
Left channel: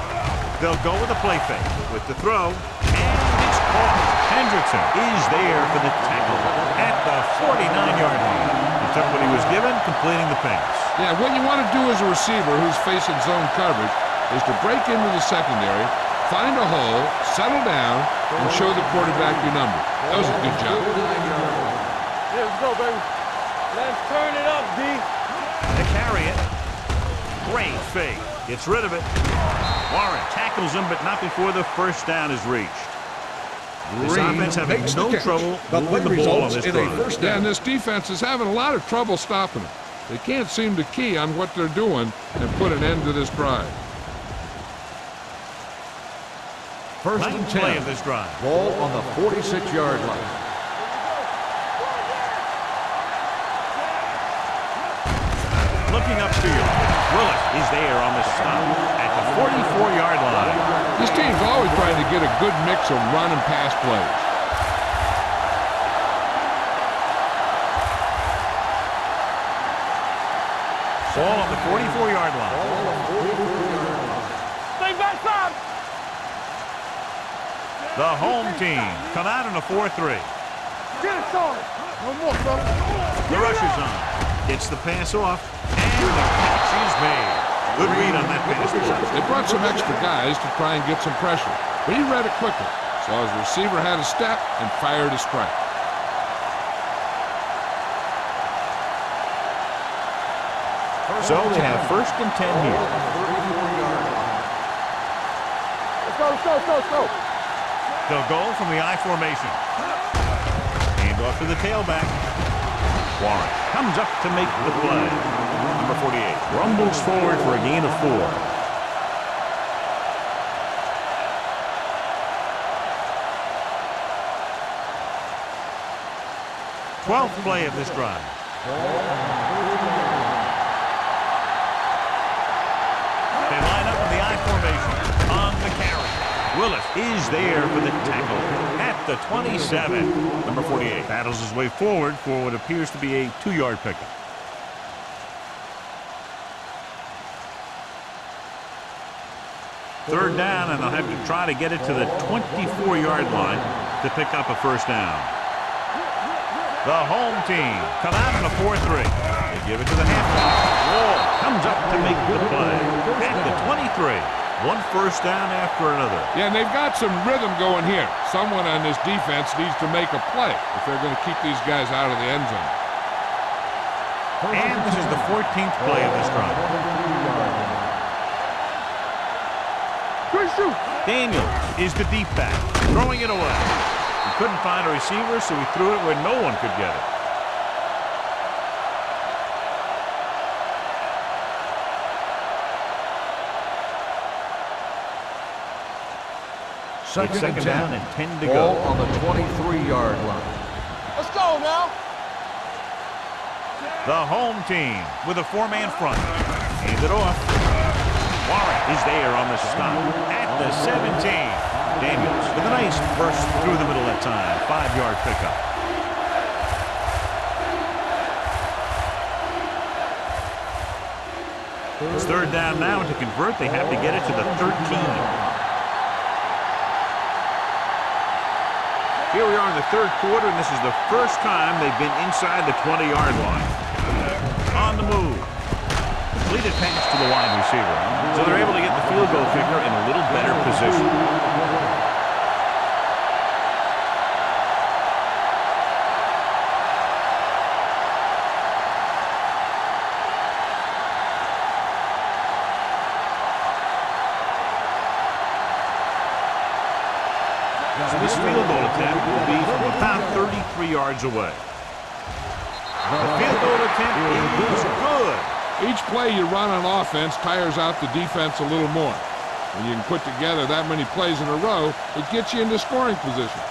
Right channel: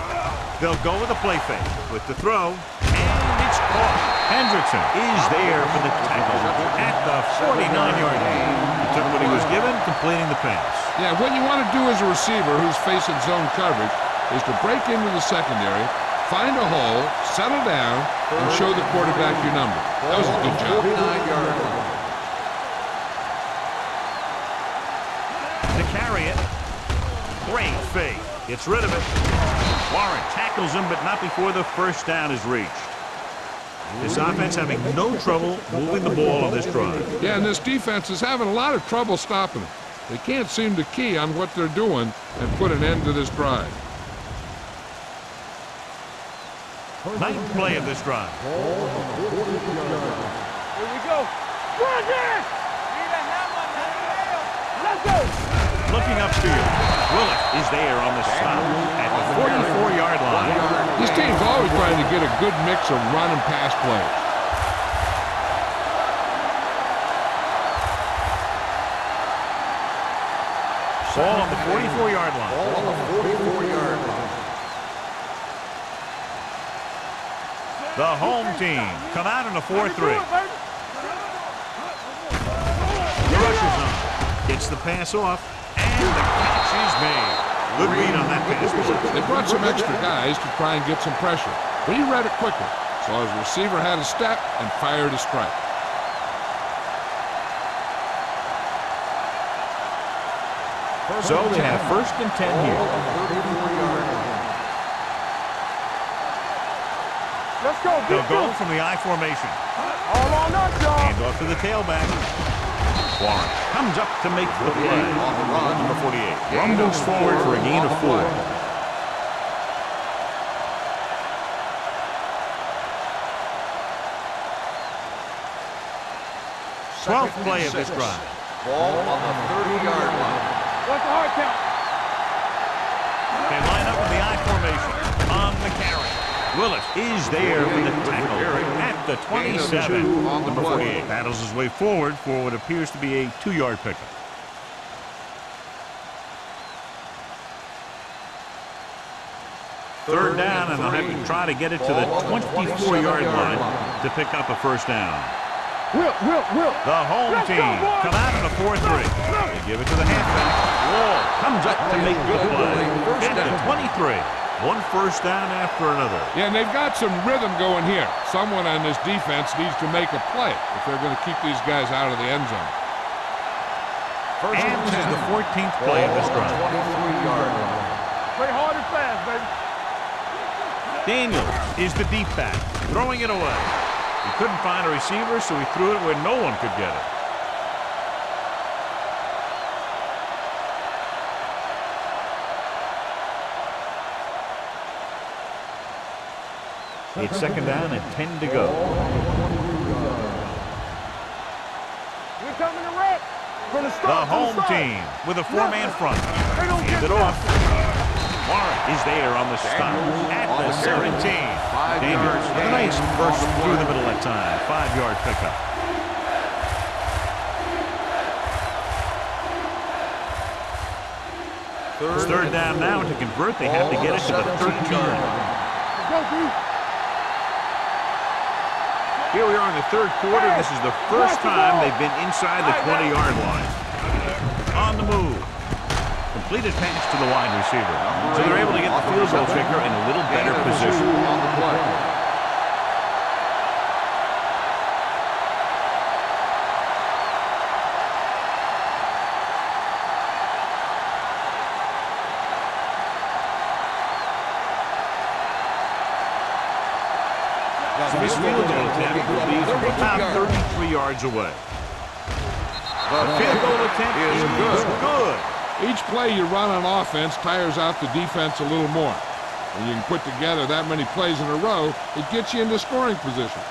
They'll go with a play fake with the throw, and it's caught. Hendrickson is there for the tackle at the 49-yard line. He took what he was given, completing the pass. Yeah, what you want to do as a receiver who's facing zone coverage is to break into the secondary, find a hole, settle down, and show the quarterback your numbers. That was a good job. 49-yard line. Let's go, baby. Let's turn it up, D. To carry it. Great fake. Gets rid of it. Warren tackles him, but not before the first down is reached. This offense having no trouble moving the ball on this drive. Yeah, and this defense is having a lot of trouble stopping them. They can't seem to key on what they're doing and put an end to this drive. Ninth play of this drive. Ball on the 46-yard line. Here we go. Run it! Let's go. Looking upfield. Willis is there on the stop at the 44-yard line. This team's always trying to get a good mix of run and pass plays. Ball on the 44-yard line. Ball on the 44-yard line. Stay backside. The home team come out in a 4-3. The rush is on. Gets the pass off, and the catch is made. Good read on that pass play. They brought some extra guys to try and get some pressure, but he read it quickly. So his receiver had a step and fired a strike. So they have 1st and 10 Ball here. on the 34-yard line. Let's go. They'll go from the I formation. Hand off to the tailback. Warren comes up to make the play. Number 48 rumbles forward for a gain of 4. Twelfth play of this drive. Ball on the 30-yard line. What's the hard count? They line up in the I formation on the carry. Willis is there for the tackle at the 27. Number 48 battles his way forward for what appears to be a 2-yard pickup. Third down, and they'll have to try to get it to the 24-yard line to pick up a 1st down. The home team come out in a 4-3. They give it to the halfback. Wall comes up to make the play at the 23. 1 1st down after another. Yeah, and they've got some rhythm going here. Someone on this defense needs to make a play if they're going to keep these guys out of the end zone. And this is the 14th play of this drive. Play hard and fast, baby. Good shoot. Daniels is the deep back, throwing it away. He couldn't find a receiver, so he threw it where no one could get it. It's 2nd down and 10 to go. Ball on the 23-yard line. Let's go now. We're coming to wreck. The home team with a 4-man front. Hand it off. Warren is there on the stop at the 17. Daniels with a nice burst through the middle that time. 5-yard pickup. It's 3rd down now, and to convert, they have to get it to the 13. Here we are in the 3rd quarter, and this is the first time they've been inside the 20-yard line. On the move. Completed pass to the wide receiver. So they're able to get the field goal kicker in a little better position. So this field goal attempt will be from about 33 yards away. The field goal attempt is good. Each play you run on offense tires out the defense a little more. When you can put together that many plays in a row, it gets you into scoring position.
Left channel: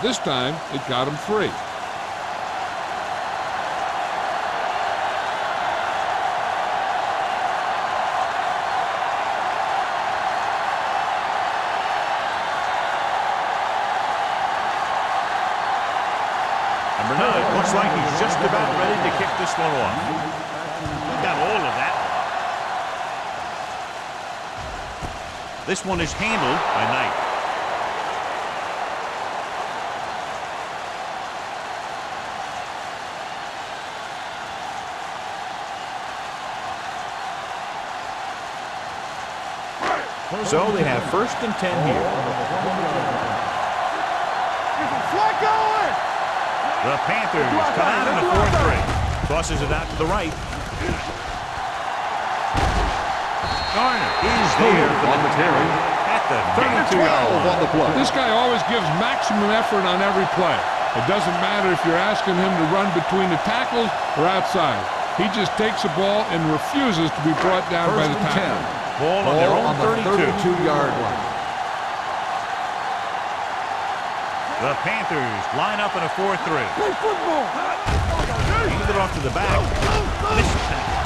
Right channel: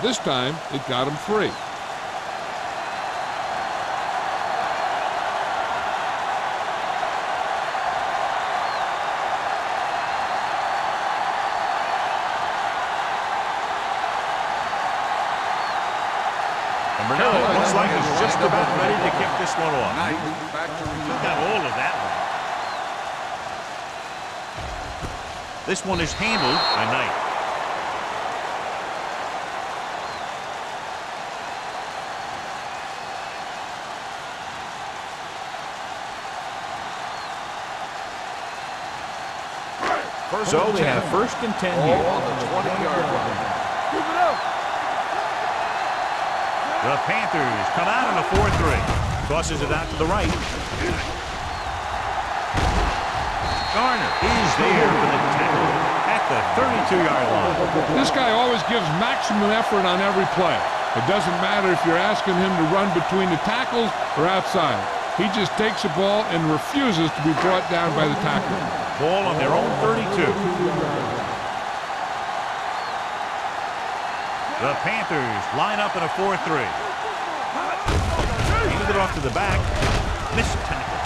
This time, it got them free. Number 9 looks like he's just about ready to kick this one off. He got all of that one. This one is handled by Knight. So they have 1st and 10 here. The Panthers come out in a 4-3. Tosses it out to the right. Garner is there for the tackle at the 32-yard line. This guy always gives maximum effort on every play. It doesn't matter if you're asking him to run between the tackles or outside. He just takes the ball and refuses to be brought down by the tackler. Ball on their own 32-yard line. The Panthers line up in a 4-3. Handed it off to the back. Missed tackle.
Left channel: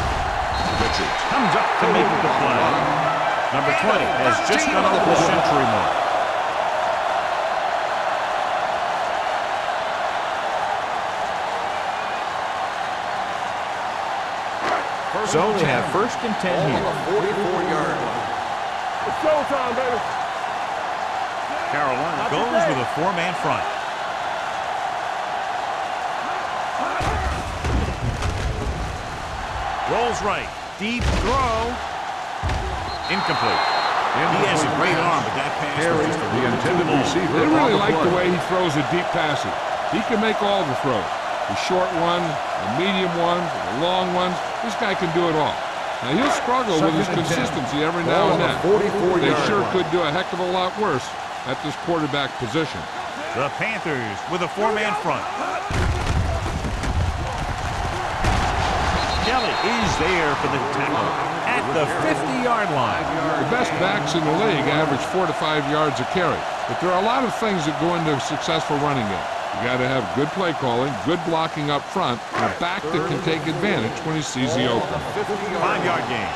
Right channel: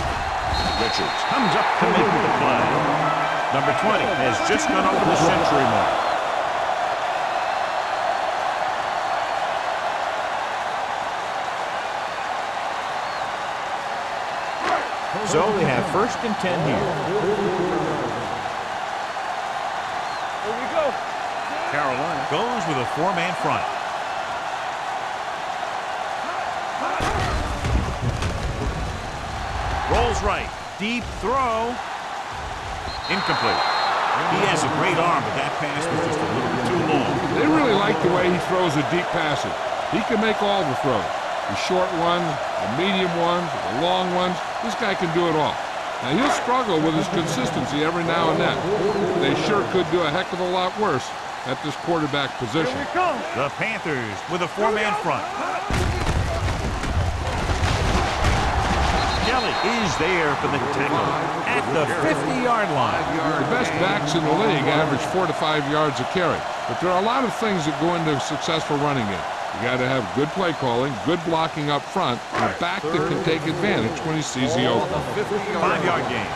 Richards comes up to make the play. Number 20 has just gone over the century mark. So they have 1st and 10 Ball here. on the 44-yard line. It's showtime, baby. Here we go. Carolina goes with a 4-man front. Rolls right. Deep throw. Incomplete. He has a great arm, but that pass was just a little bit too long. They really like the way he throws the deep passes. He can make all the throws. The short ones, the medium ones, the long ones. This guy can do it all. Now, he'll struggle with his consistency every now and then. They sure could do a heck of a lot worse at this quarterback position. The Panthers with a 4-man front. Kelly is there for the tackle at the 50-yard line. The best backs in the league average 4 to 5 yards a carry. But there are a lot of things that go into a successful running game. You got to have good play calling, good blocking up front, and a back that can take advantage when he sees the open. 5-yard gain.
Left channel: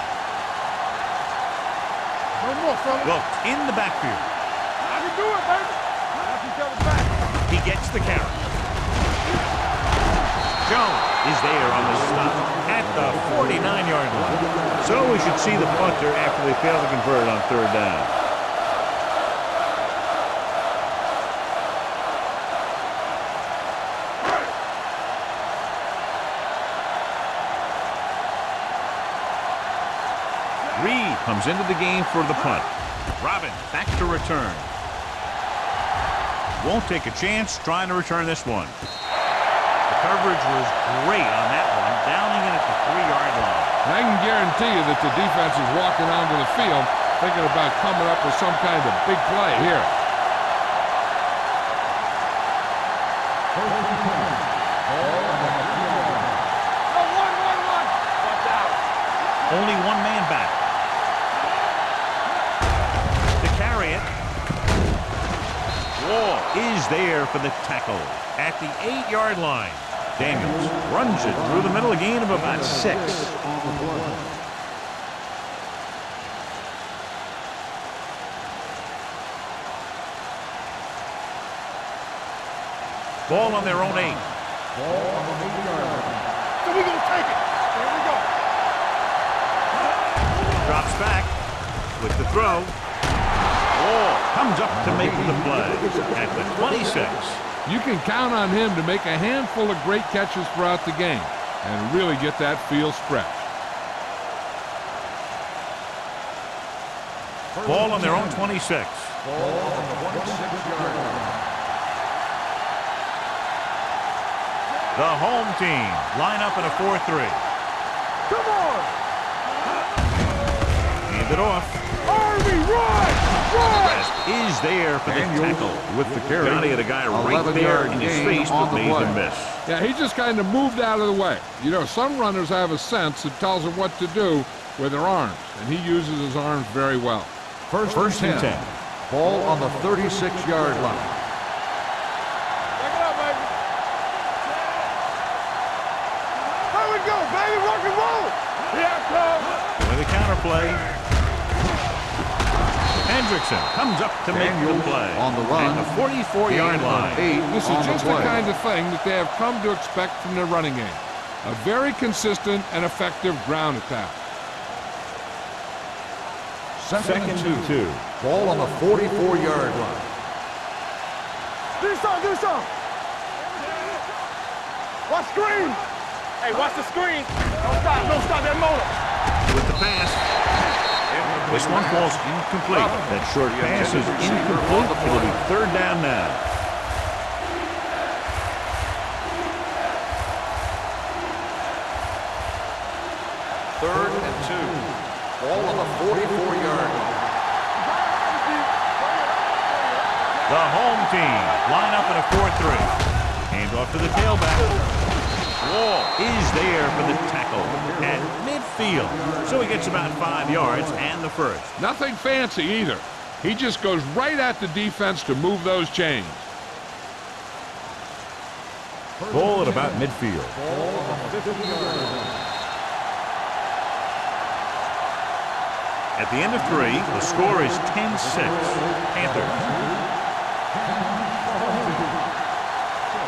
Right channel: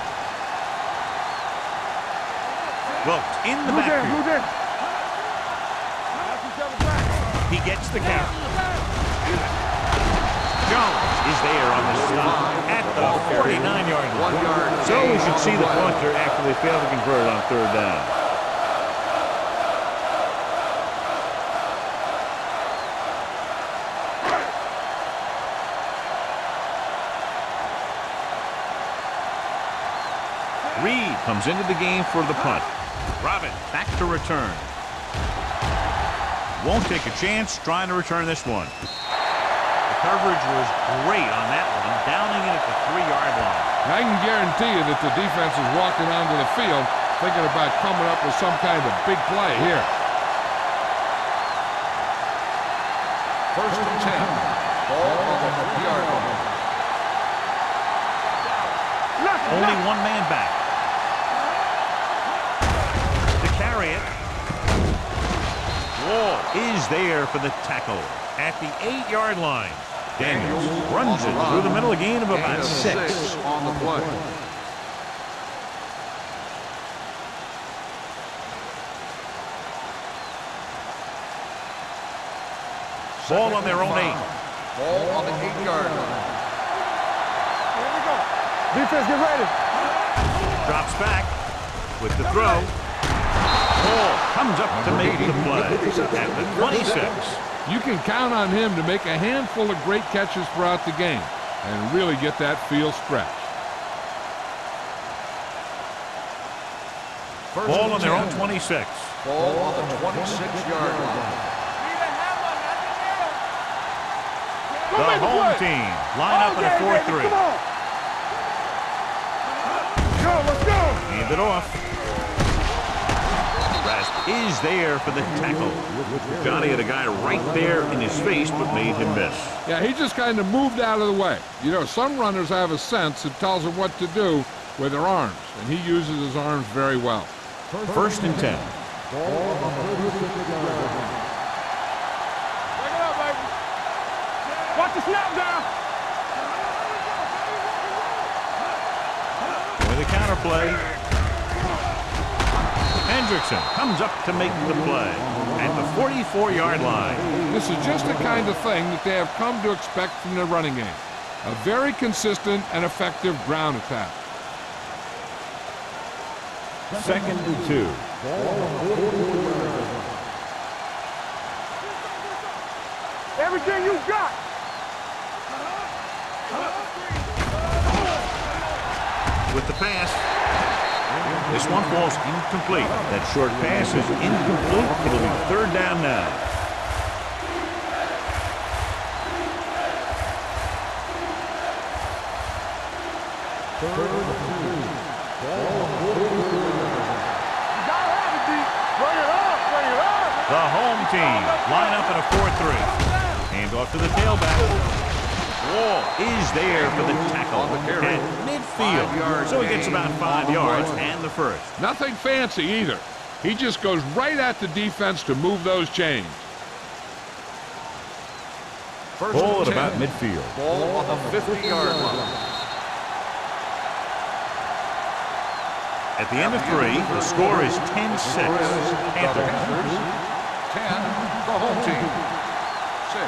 Wilkes in the backfield. He gets the carry. Jones is there on the stop at the 49-yard line. So we should see the punter after they fail to convert on 3rd down. Reed comes into the game for the punt. Robin back to return. Won't take a chance trying to return this one. The coverage was great on that one, downing it at the 3-yard line. I can guarantee you that the defense is walking onto the field thinking about coming up with some kind of big play here. 1st and 10. Ball on the 50-yard line. Watch out. Only 1 man back. To carry it. Wall is there for the tackle at the 8-yard line. Daniels runs it through the middle, a gain of about 6. On the play. Ball on their own 8. Ball on the 8-yard line. We're gonna take it. Here we go. Defense, get ready. Drops back with the throw. Wall comes up to make the play at the 26. You can count on him to make a handful of great catches throughout the game and really get that field stretch. Ball on their own 26. Ball on the 26-yard line. The home team line up in a 4-3. Come on. Hand it off. Rest is there for the tackle. Johnny had a guy right there in his face, but made him miss. Yeah, he just kind of moved out of the way. You know, some runners have a sense that tells them what to do with their arms, and he uses his arms very well. 1st and 10. Ball on the 36-yard line. Back it up, baby. Watch the snap down. Here we go, baby. Rock and roll. Yeah, With a counterplay. Hendrickson comes up to make the play at the 44-yard line. This is just the kind of thing that they have come to expect from their running game. A very consistent and effective ground attack. 2nd and 2. Ball on the 44-yard line. do something. Everything you got. Watch screen. Hey, watch the screen. Don't stop that motor. With the pass. This one falls incomplete. That short pass is incomplete. It'll be 3rd down now. Third and 2. Ball on the 44-yard line. You gotta have it, D. Bring it up. The home team line up in a 4-3. Hand off to the tailback. Wall is there for the tackle at midfield. So he gets about 5 yards and the first. Nothing fancy either. He just goes right at the defense to move those chains. Ball at about midfield. Ball on the 50-yard line. At the end of 3, the score is 10-6. Panthers. 10, the home team. 6.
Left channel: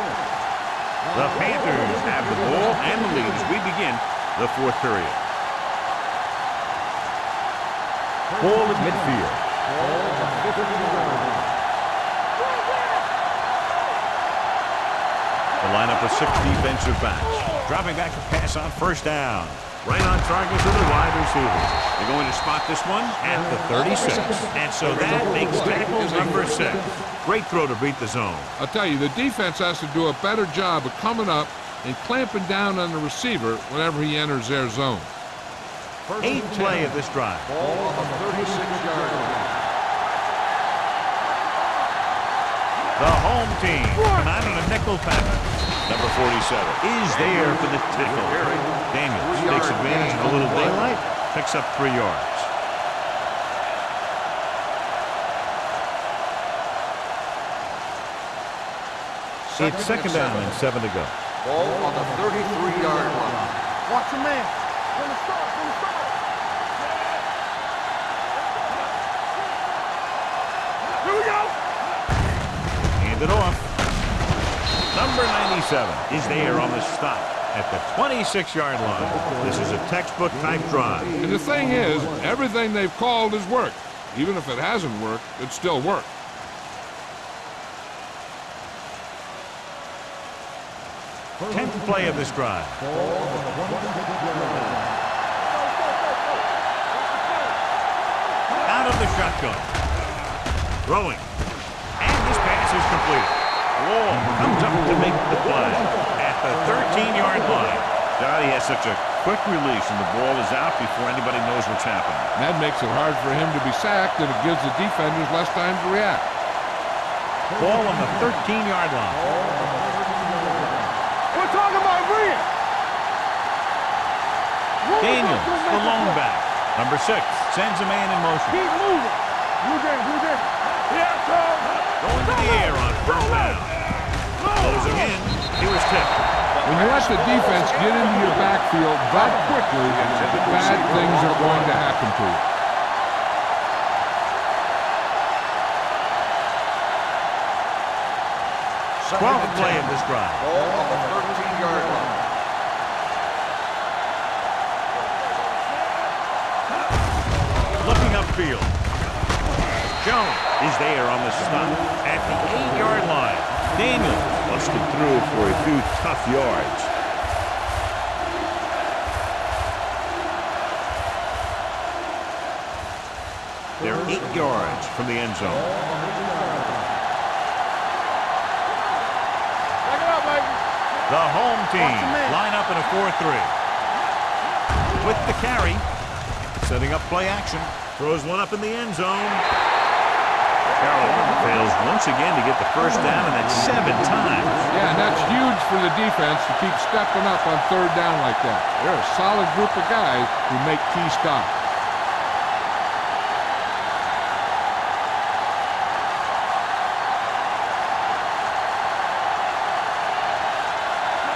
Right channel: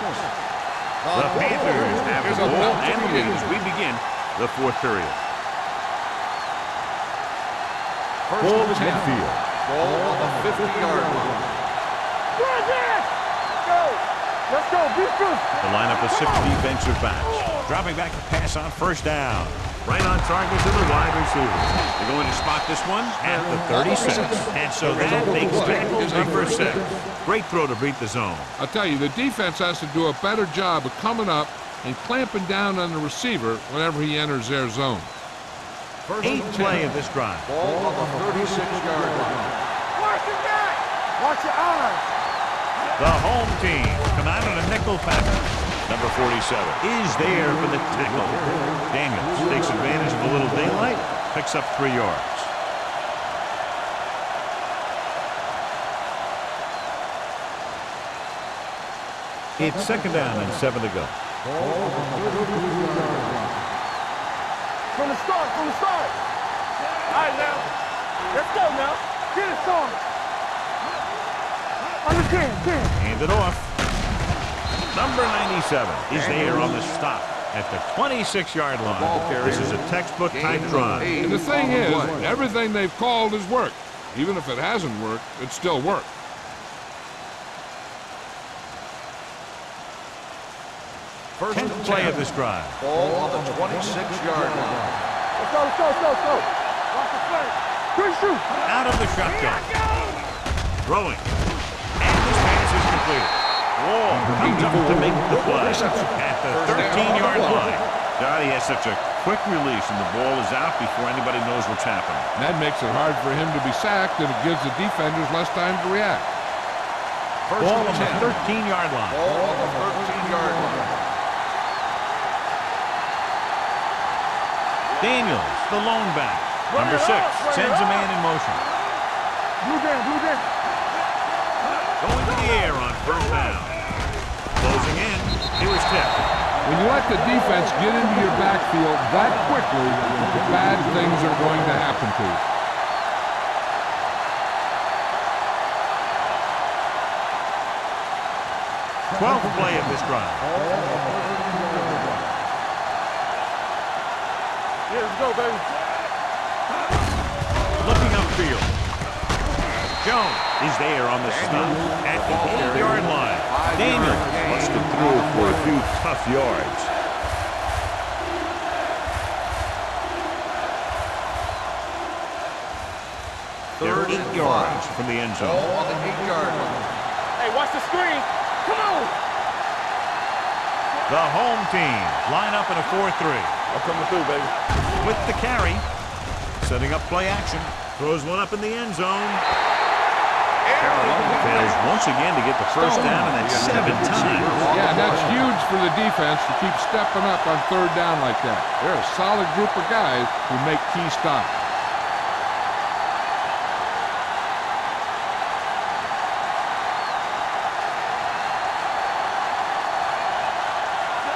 The Panthers have the ball and the lead as we begin the 4th period. First Ball and at 10. midfield. Ball on the 50-yard line. Let's go, defense. The lineup of 6 defensive backs. Dropping back to pass on first down. Right on target to the wide receiver. They're going to spot this one at the 36. And so that makes tackle number 6. Great throw to beat the zone. I'll tell you, the defense has to do a better job of coming up and clamping down on the receiver whenever he enters their zone. First 8th and play 10. of this drive. Ball on the 36-yard line. Watch your back. Watch your eye. The home team come out in a nickel package. Number 47 is there for the tackle. Daniels takes advantage of a little daylight, picks up 3 yards. It's second down and 7 to go. Ball on the 33-yard line. Watch your man. From the start, from the start. All right, now. Let's go, now. Get it started. Here we go. On the 10. Hand it off. Number 97 is there on the stop at the 26-yard line. This is a textbook type drive. And the thing is, everything they've called has worked. Even if it hasn't worked, it still worked. First 10th and play 10. of this drive. Ball on the 26-yard line. Let's go, let's go, let's go, let's go. Watch the play. Quick shoot. Out of the shotgun. Throwing. And this pass is completed. Wall comes up to make the play at the 13-yard line. God, he has such a quick release, and the ball is out before anybody knows what's happening. And that makes it hard for him to be sacked, and it gives the defenders less time to react. First Ball on and the 10. 13-yard line. Ball on the 13-yard line. We're talking about Rhea. Daniels, the lone back. Number 6 sends a man in motion. Keep moving. Blue down, blue down. Going to the air on first down. Closing in. He was tipped. When you let the defense get into your backfield that quickly, bad things are going to happen to you. Second 12th and play 10. of this drive. Ball on the 13-yard line. Here we go, baby. Looking upfield. Jones is there on the stop at the 8-yard line. Daniels busted through for a few tough yards. They're 8 yards from the end Ball zone. on the 8-yard line. Hey, watch the screen. Come on. Back it up, baby. The home team line up in a 4-3. I'm coming through, baby. With the carry, setting up play action. Throws one up in the end zone. Carolina fails once again to get the first down, and that's 7 times. Yeah, and that's huge for the defense to keep stepping up on third down like that. They're a solid group of guys who make key stops.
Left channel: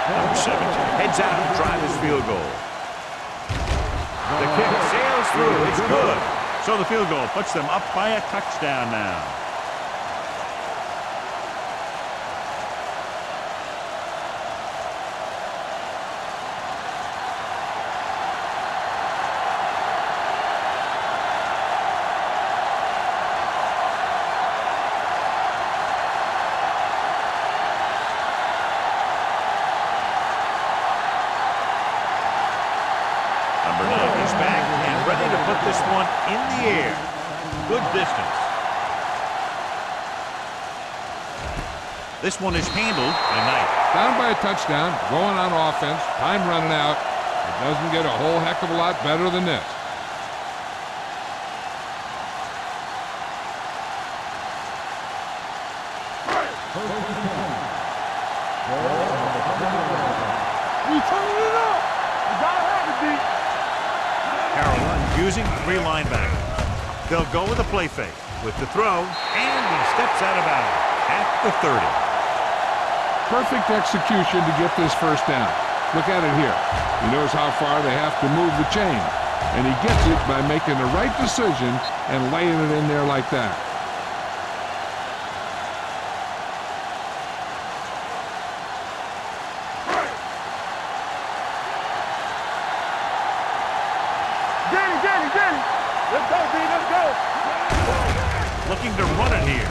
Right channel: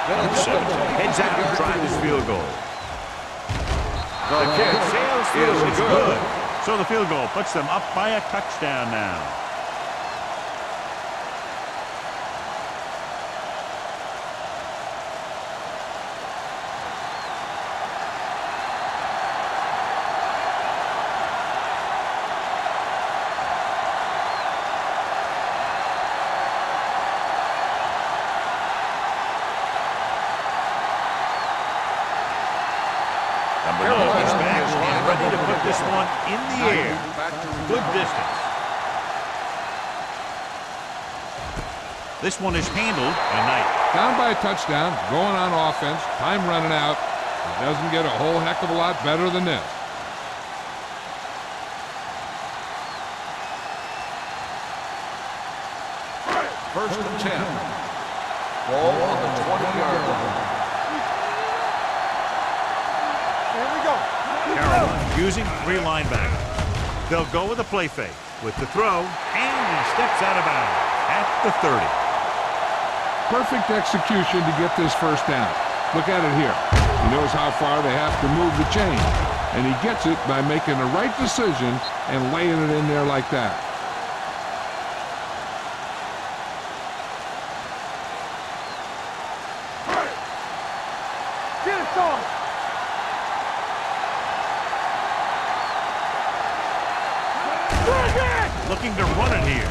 Number 17 heads out to try this field goal. The kick sails through. It's good. So the field goal puts them up by a touchdown now. Number 9 is back and ready to put this one in the air. Good distance. This one is handled by Knight. Down by a touchdown, going on offense, time running out. It doesn't get a whole heck of a lot better than this. First and 10. Ball on the 20-yard line. We turning it up. You gotta have it, D. Here we go. Carolina using 3 linebackers. They'll go with a play fake with the throw, and he steps out of bounds at the 30. Perfect execution to get this first down. Look at it here. He knows how far they have to move the chain, and he gets it by making the right decision and laying it in there like that. Get it started. Danny. Let's go, D. Let's go. looking to run it here.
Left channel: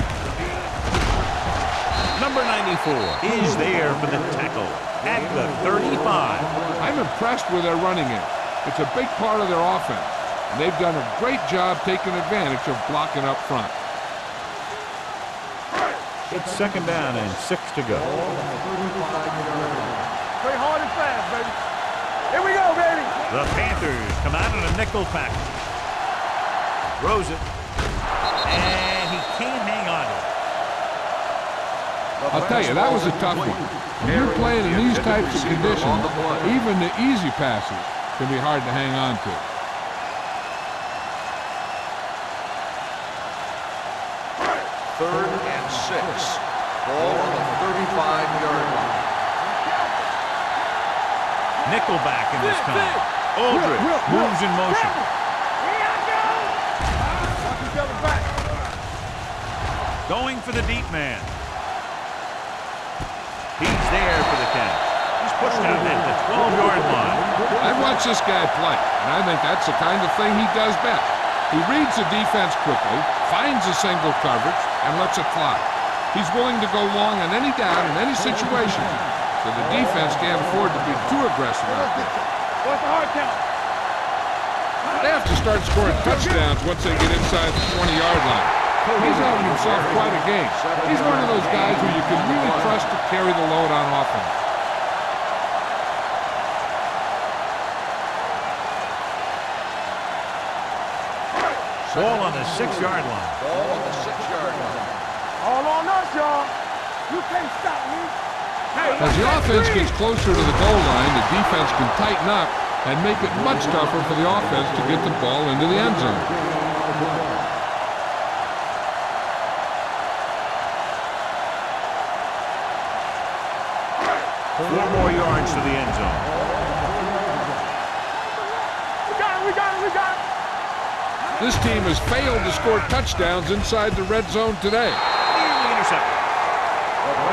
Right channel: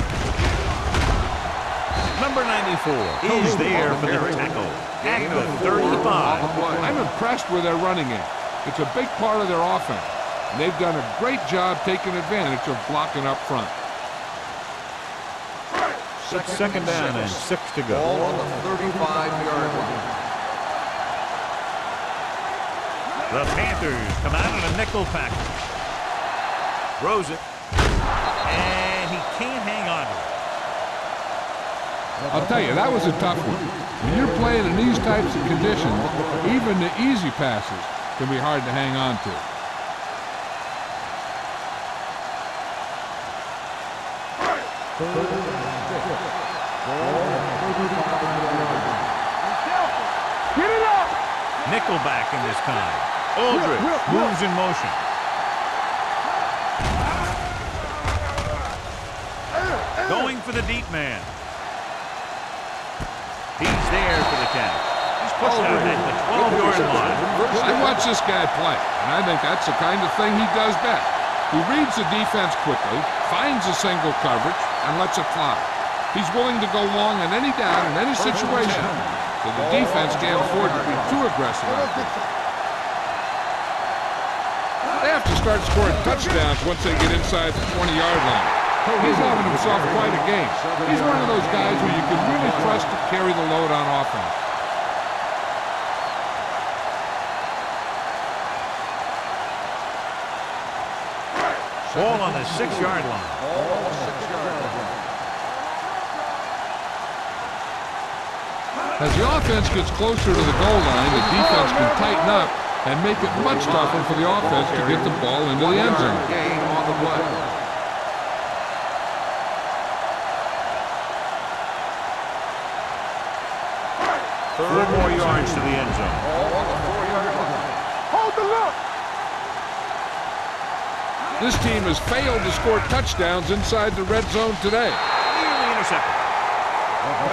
Number 94 is there for the tackle at the 35. I'm impressed with their running game. It's a big part of their offense, and they've done a great job taking advantage of blocking up front. It's second down and 6 to go. Ball on the 35-yard line. Play hard and fast, baby. Here we go, baby. The Panthers come out in a nickel package. Throws it, and he can't hang on to it. I'll tell you, that was a tough one. When you're playing in these types of conditions, even the easy passes can be hard to hang on to. Third and 6. Ball on the 35-yard line. Be careful. Get it up. Nickelback in this time. Aldridge moves in motion. Going for the deep man. He's there for the catch. He's pushed out at the 12-yard line. I've watched this guy play, and I think that's the kind of thing he does best. He reads the defense quickly, finds a single coverage, and lets it fly. He's willing to go long on any down in any situation, so the defense can't afford to be too aggressive out there. What's the hard count? They have to start scoring touchdowns once they get inside the 20-yard line. He's having himself quite a game. He's one of those guys who you can really trust to carry the load on offense. Ball on the 6-yard line. Ball on the 6-yard line. All on us, y'all. You can't stop me. As the offense gets closer to the goal line, the defense can tighten up and make it much tougher for the offense to get the ball into the end zone. Game on the play. Four more yards to the end zone. Hold the look. We got it, we got it, we got it. This team has failed to score touchdowns inside the red zone today. Nearly intercepted.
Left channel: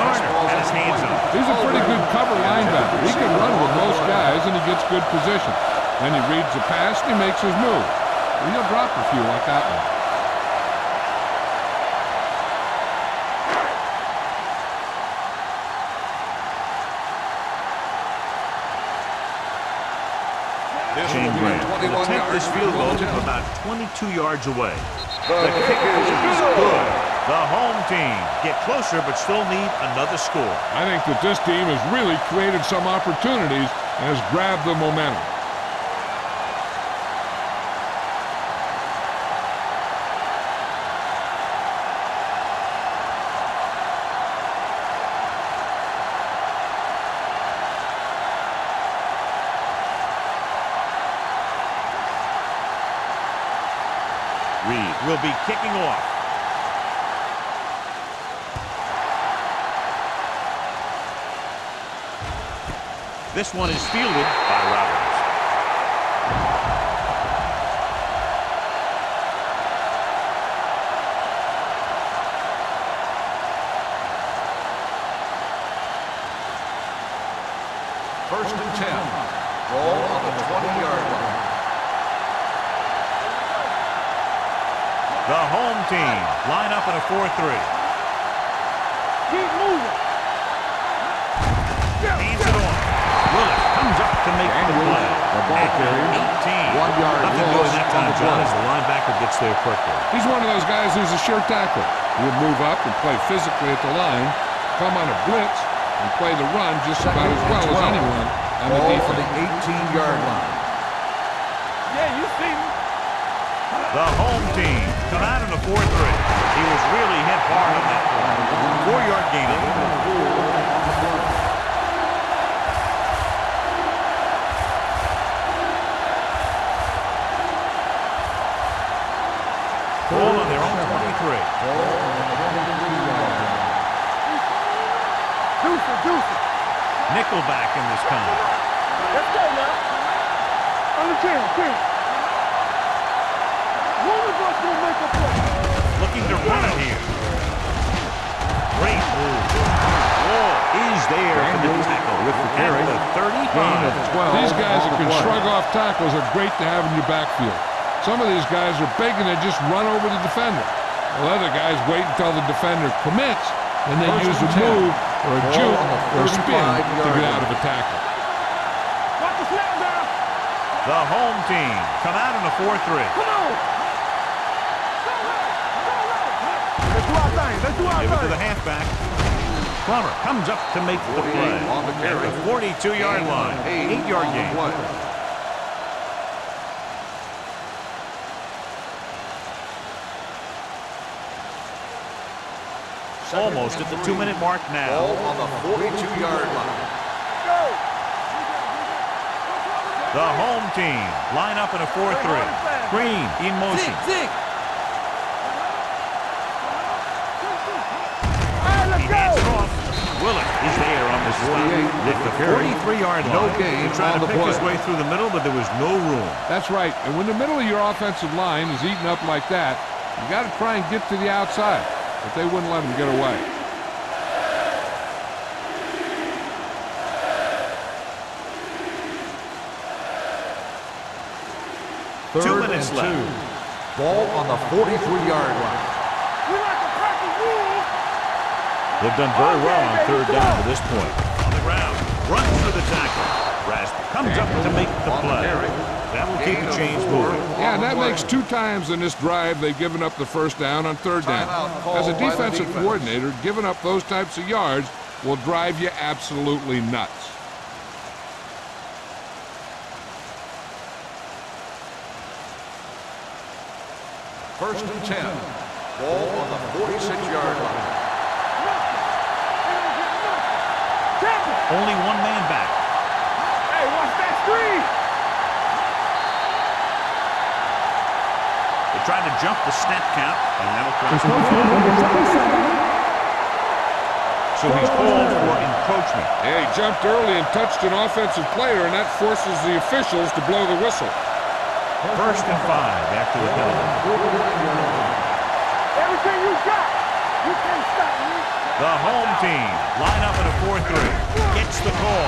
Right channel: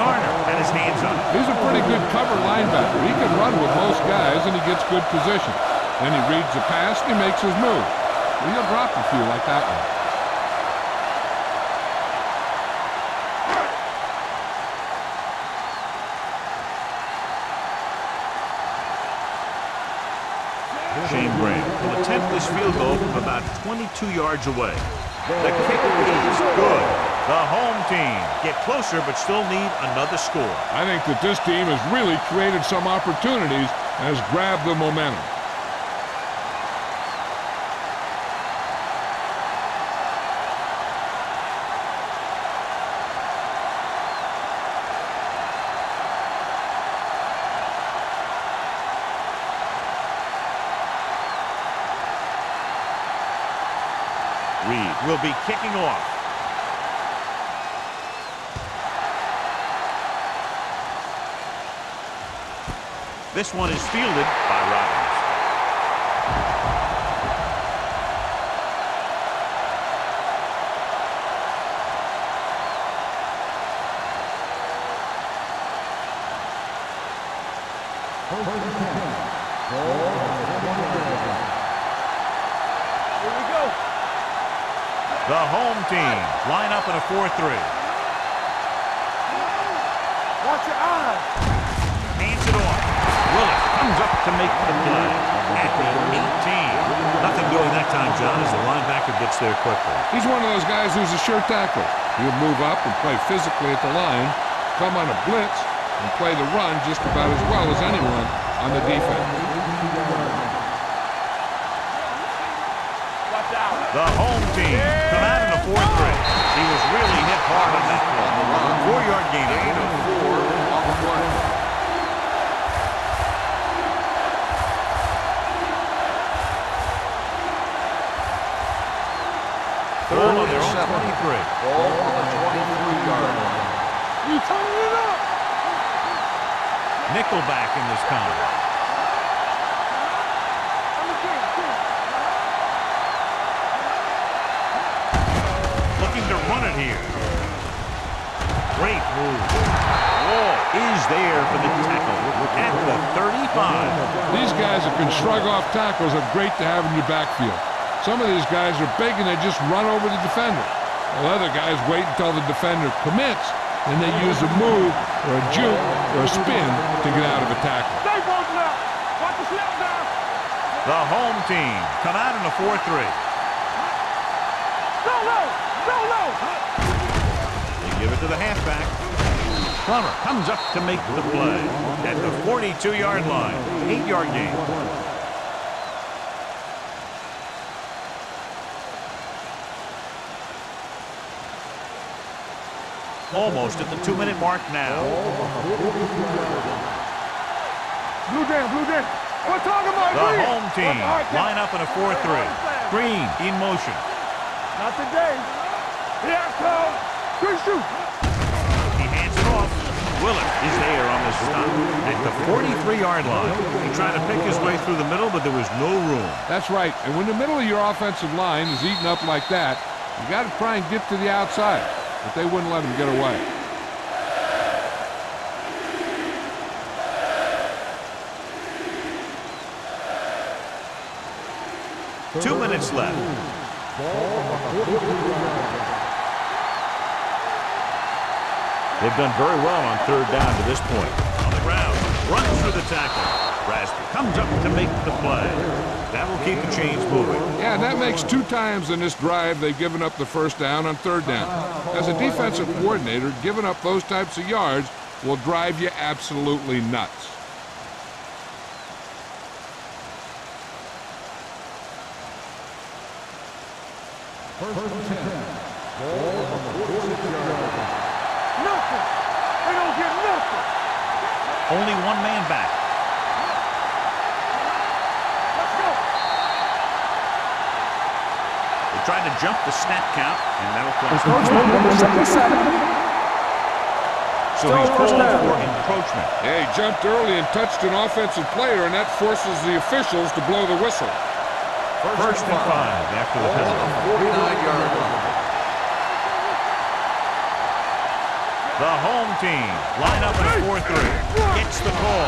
Garner had his hands on it. He's a pretty good cover linebacker. He can run with most guys, and he gets good position. Then he reads the pass, and he makes his move. Well, he'll drop a few like that one. Shane Grant will attempt this field goal from about 22 yards away. The kick is good. The home team get closer but still need another score. I think that this team has really created some opportunities and has grabbed the momentum. Reed will be kicking off. This one is fielded by Robbins. First and 10. Ball on the 20-yard line. Here we go. The home team line up in a 4-3. Keep moving. Watch your eyes. Hands it off. Willis comes up to make the play at the 18. Nothing doing that time, John, as the linebacker gets there quickly. He's one of those guys who's a sure tackler. He'll move up and play physically at the line, come on a blitz, and play the run just about as well as anyone on the defense. 18-yard line. Yeah, you see me. The home team come out in a 4-3. He was really hit hard on that play. 4-yard gain on the play. Ball on their own 23. Ball on the 23-yard line. You turning it up. Deuce it, deuce it. Nickelback in this time. Let's go now. On the 10. One of us will make a play. Looking to run it here. Great move. Wall is there for the tackle at the 35. These guys that can shrug off tackles are great to have in your backfield. Some of these guys are big and they just run over the defender. Well, other guys wait until the defender commits, and they use a move or a juke or a spin to get out of a tackle. Watch the snap down. The home team come out in a 4-3. Go low. Go low. Let's do our thing. Let's do our Give it to thing. the halfback. Plummer comes up to make the play at the 42-yard line. 8-yard gain. Almost at the 2-minute mark now. On the 42-yard line. Blue jam. We're talking about The green. home team line up in a 4-3. Green in motion. Not today. Green shoot. He hands it off. Willett is there on the stop at the 43-yard line. He tried to pick his way through the middle, but there was no room. That's right. And when the middle of your offensive line is eaten up like that, you got to try and get to the outside. But they wouldn't let him get away. Third 2 minutes and left. 2. Ball on the 43-yard line. They've done very well on third down to this point. On the ground, runs through the tackle. Rasper comes up to make the play. That will keep the chains moving. Yeah, and that makes 2 times in this drive they've given up the first down on third down. As a defensive coordinator, giving up those types of yards will drive you absolutely nuts. First and 10. Ball on the 46-yard line. Nothing. They don't get nothing. Only one man back. Hey, watch that screen. They tried to jump the snap count, and that'll cost them. So he's called for encroachment. Yeah, he jumped early and touched an offensive player, and that forces the officials to blow the whistle. First and 5 after the penalty. 49-yard line. Everything you got. You can't stop me. The home team line up in a 4-3. Gets the call.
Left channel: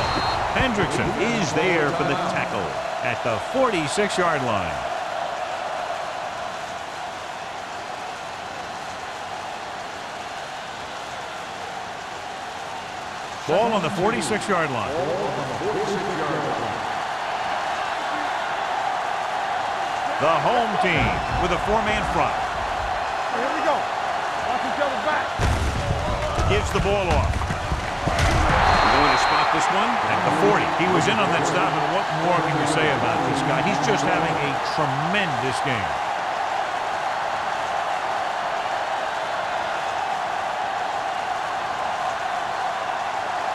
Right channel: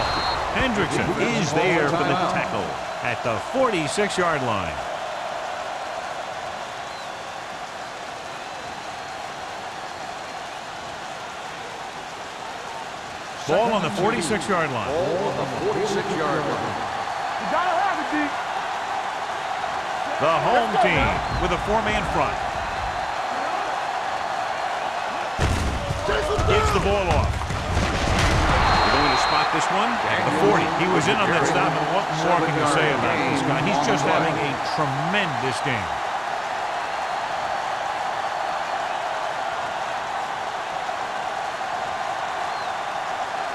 Hendrickson is there for the tackle at the 46-yard line. Ball on the 46-yard line. Ball on the 46-yard line. You gotta have it, D. The home team with a 4-man front. Here we go. Watch each other back. Gives the ball off. We're going to spot this one at the 40. He was in on that stop, and what more can you say about this guy? He's just having a tremendous game.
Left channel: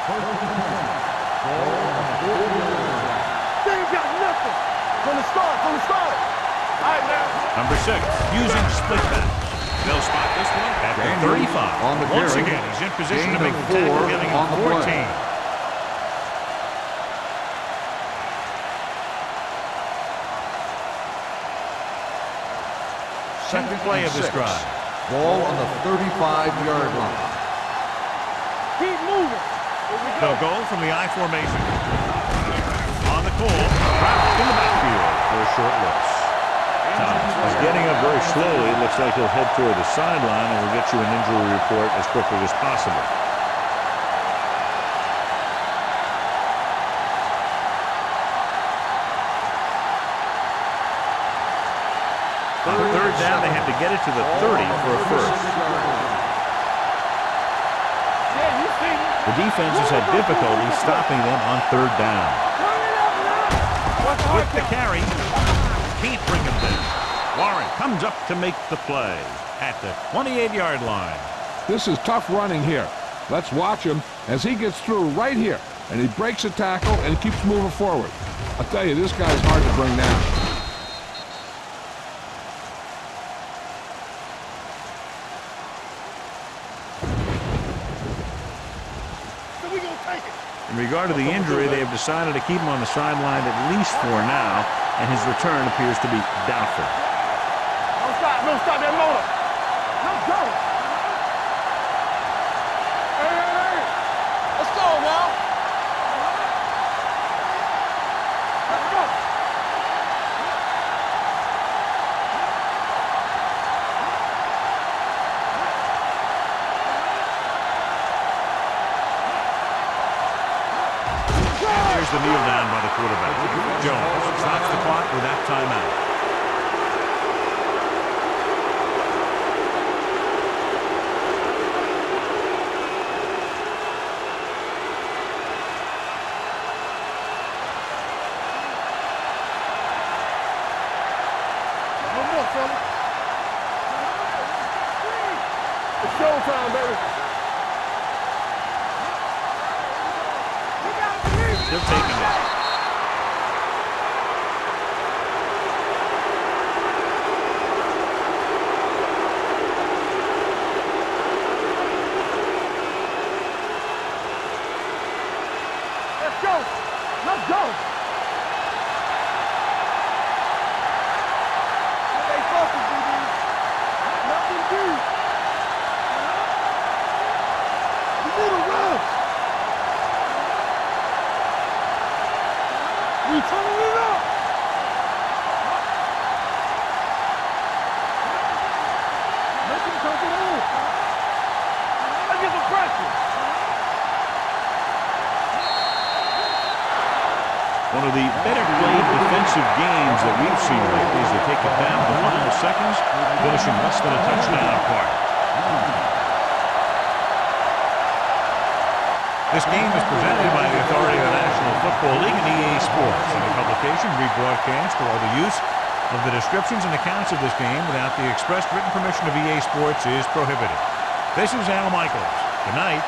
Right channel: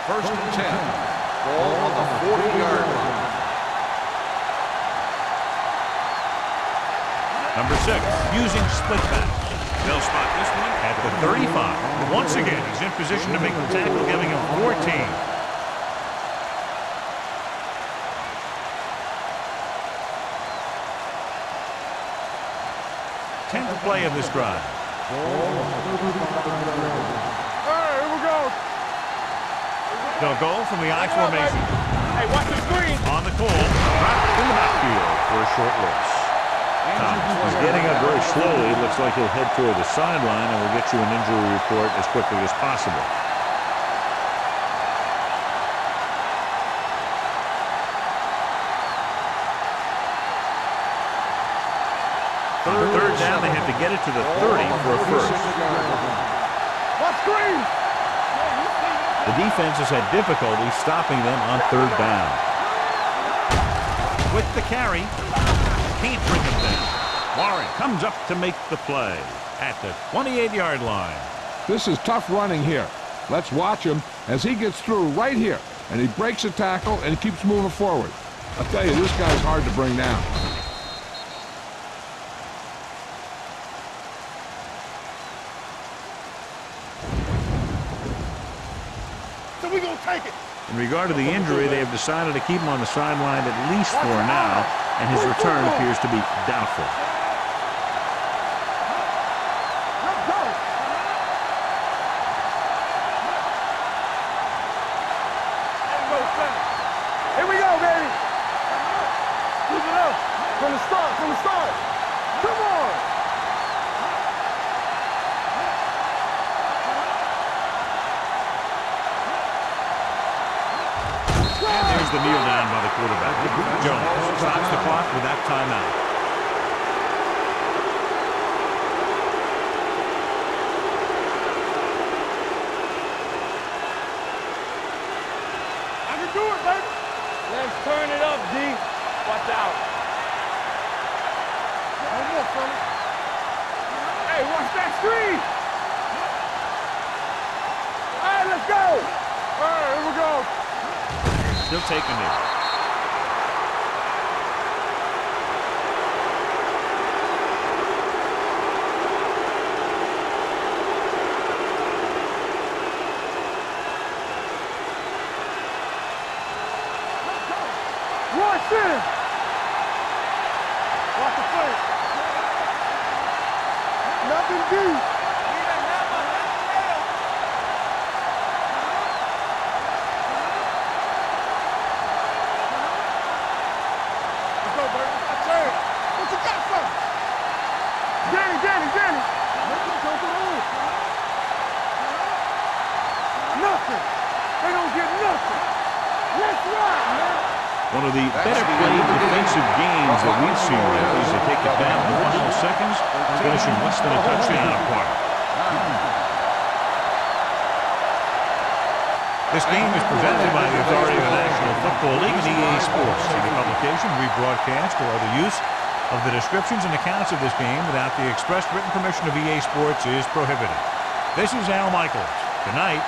First and 10. Ball on the 40-yard line. They ain't got nothing. From the start. All right, now. Number 6, using split backs. They'll spot this one at the 35. Once again, he's in position to make the tackle, giving him 14. 10th play of this drive. Ball on the 35-yard line. All right, here we go. Keep moving. Here we go. They'll go from the I formation. Hey, watch the screen. On the call, dropped in the backfield for a short loss. Thomas. He's getting up very slowly. It looks like he'll head toward the sideline, and we'll get you an injury report as quickly as possible. On third down, they have to get it to the 30 for a first. Watch screen. Yeah, you see me. The defense has had difficulty stopping them on third down. With the carry, can't bring him down. Warren comes up to make the play at the 28-yard line. This is tough running here. Let's watch him as he gets through right here, and he breaks a tackle and he keeps moving forward. I'll tell you, this guy's hard to bring down. So we gonna take it. In regard to the injury, they have decided to keep him on the sideline at least for now, and his return appears to be doubtful. Don't stop that motor. Let's go. Hey. Let's go now. Here we go, baby. Let's go. From the start. Come on. Here's the kneel down by the quarterback. Jones stops the clock with that timeout. I can do it, baby. Let's turn it up, D. Watch out. No more, fella. Hey, watch that screen. It's showtime, baby. All right, let's go. All right, here we go. Still taking it. Let's go. Let's go. Watch in. Watch the play. Stay focused, DB. Nothing deep. You need a run. We turn it up. What you got for? Danny. Let them come to the hole. Look at the pressure. Nothing. They don't get nothing. One of the better played defensive games that we've seen lately as they take it down in the final seconds, finishing less than a touchdown apart. This game is presented by the authority of the National Football League and EA Sports. Any publication, rebroadcast, or other use of the descriptions and accounts of this game without the expressed written permission of EA Sports is prohibited. This is Al Michaels. Good night.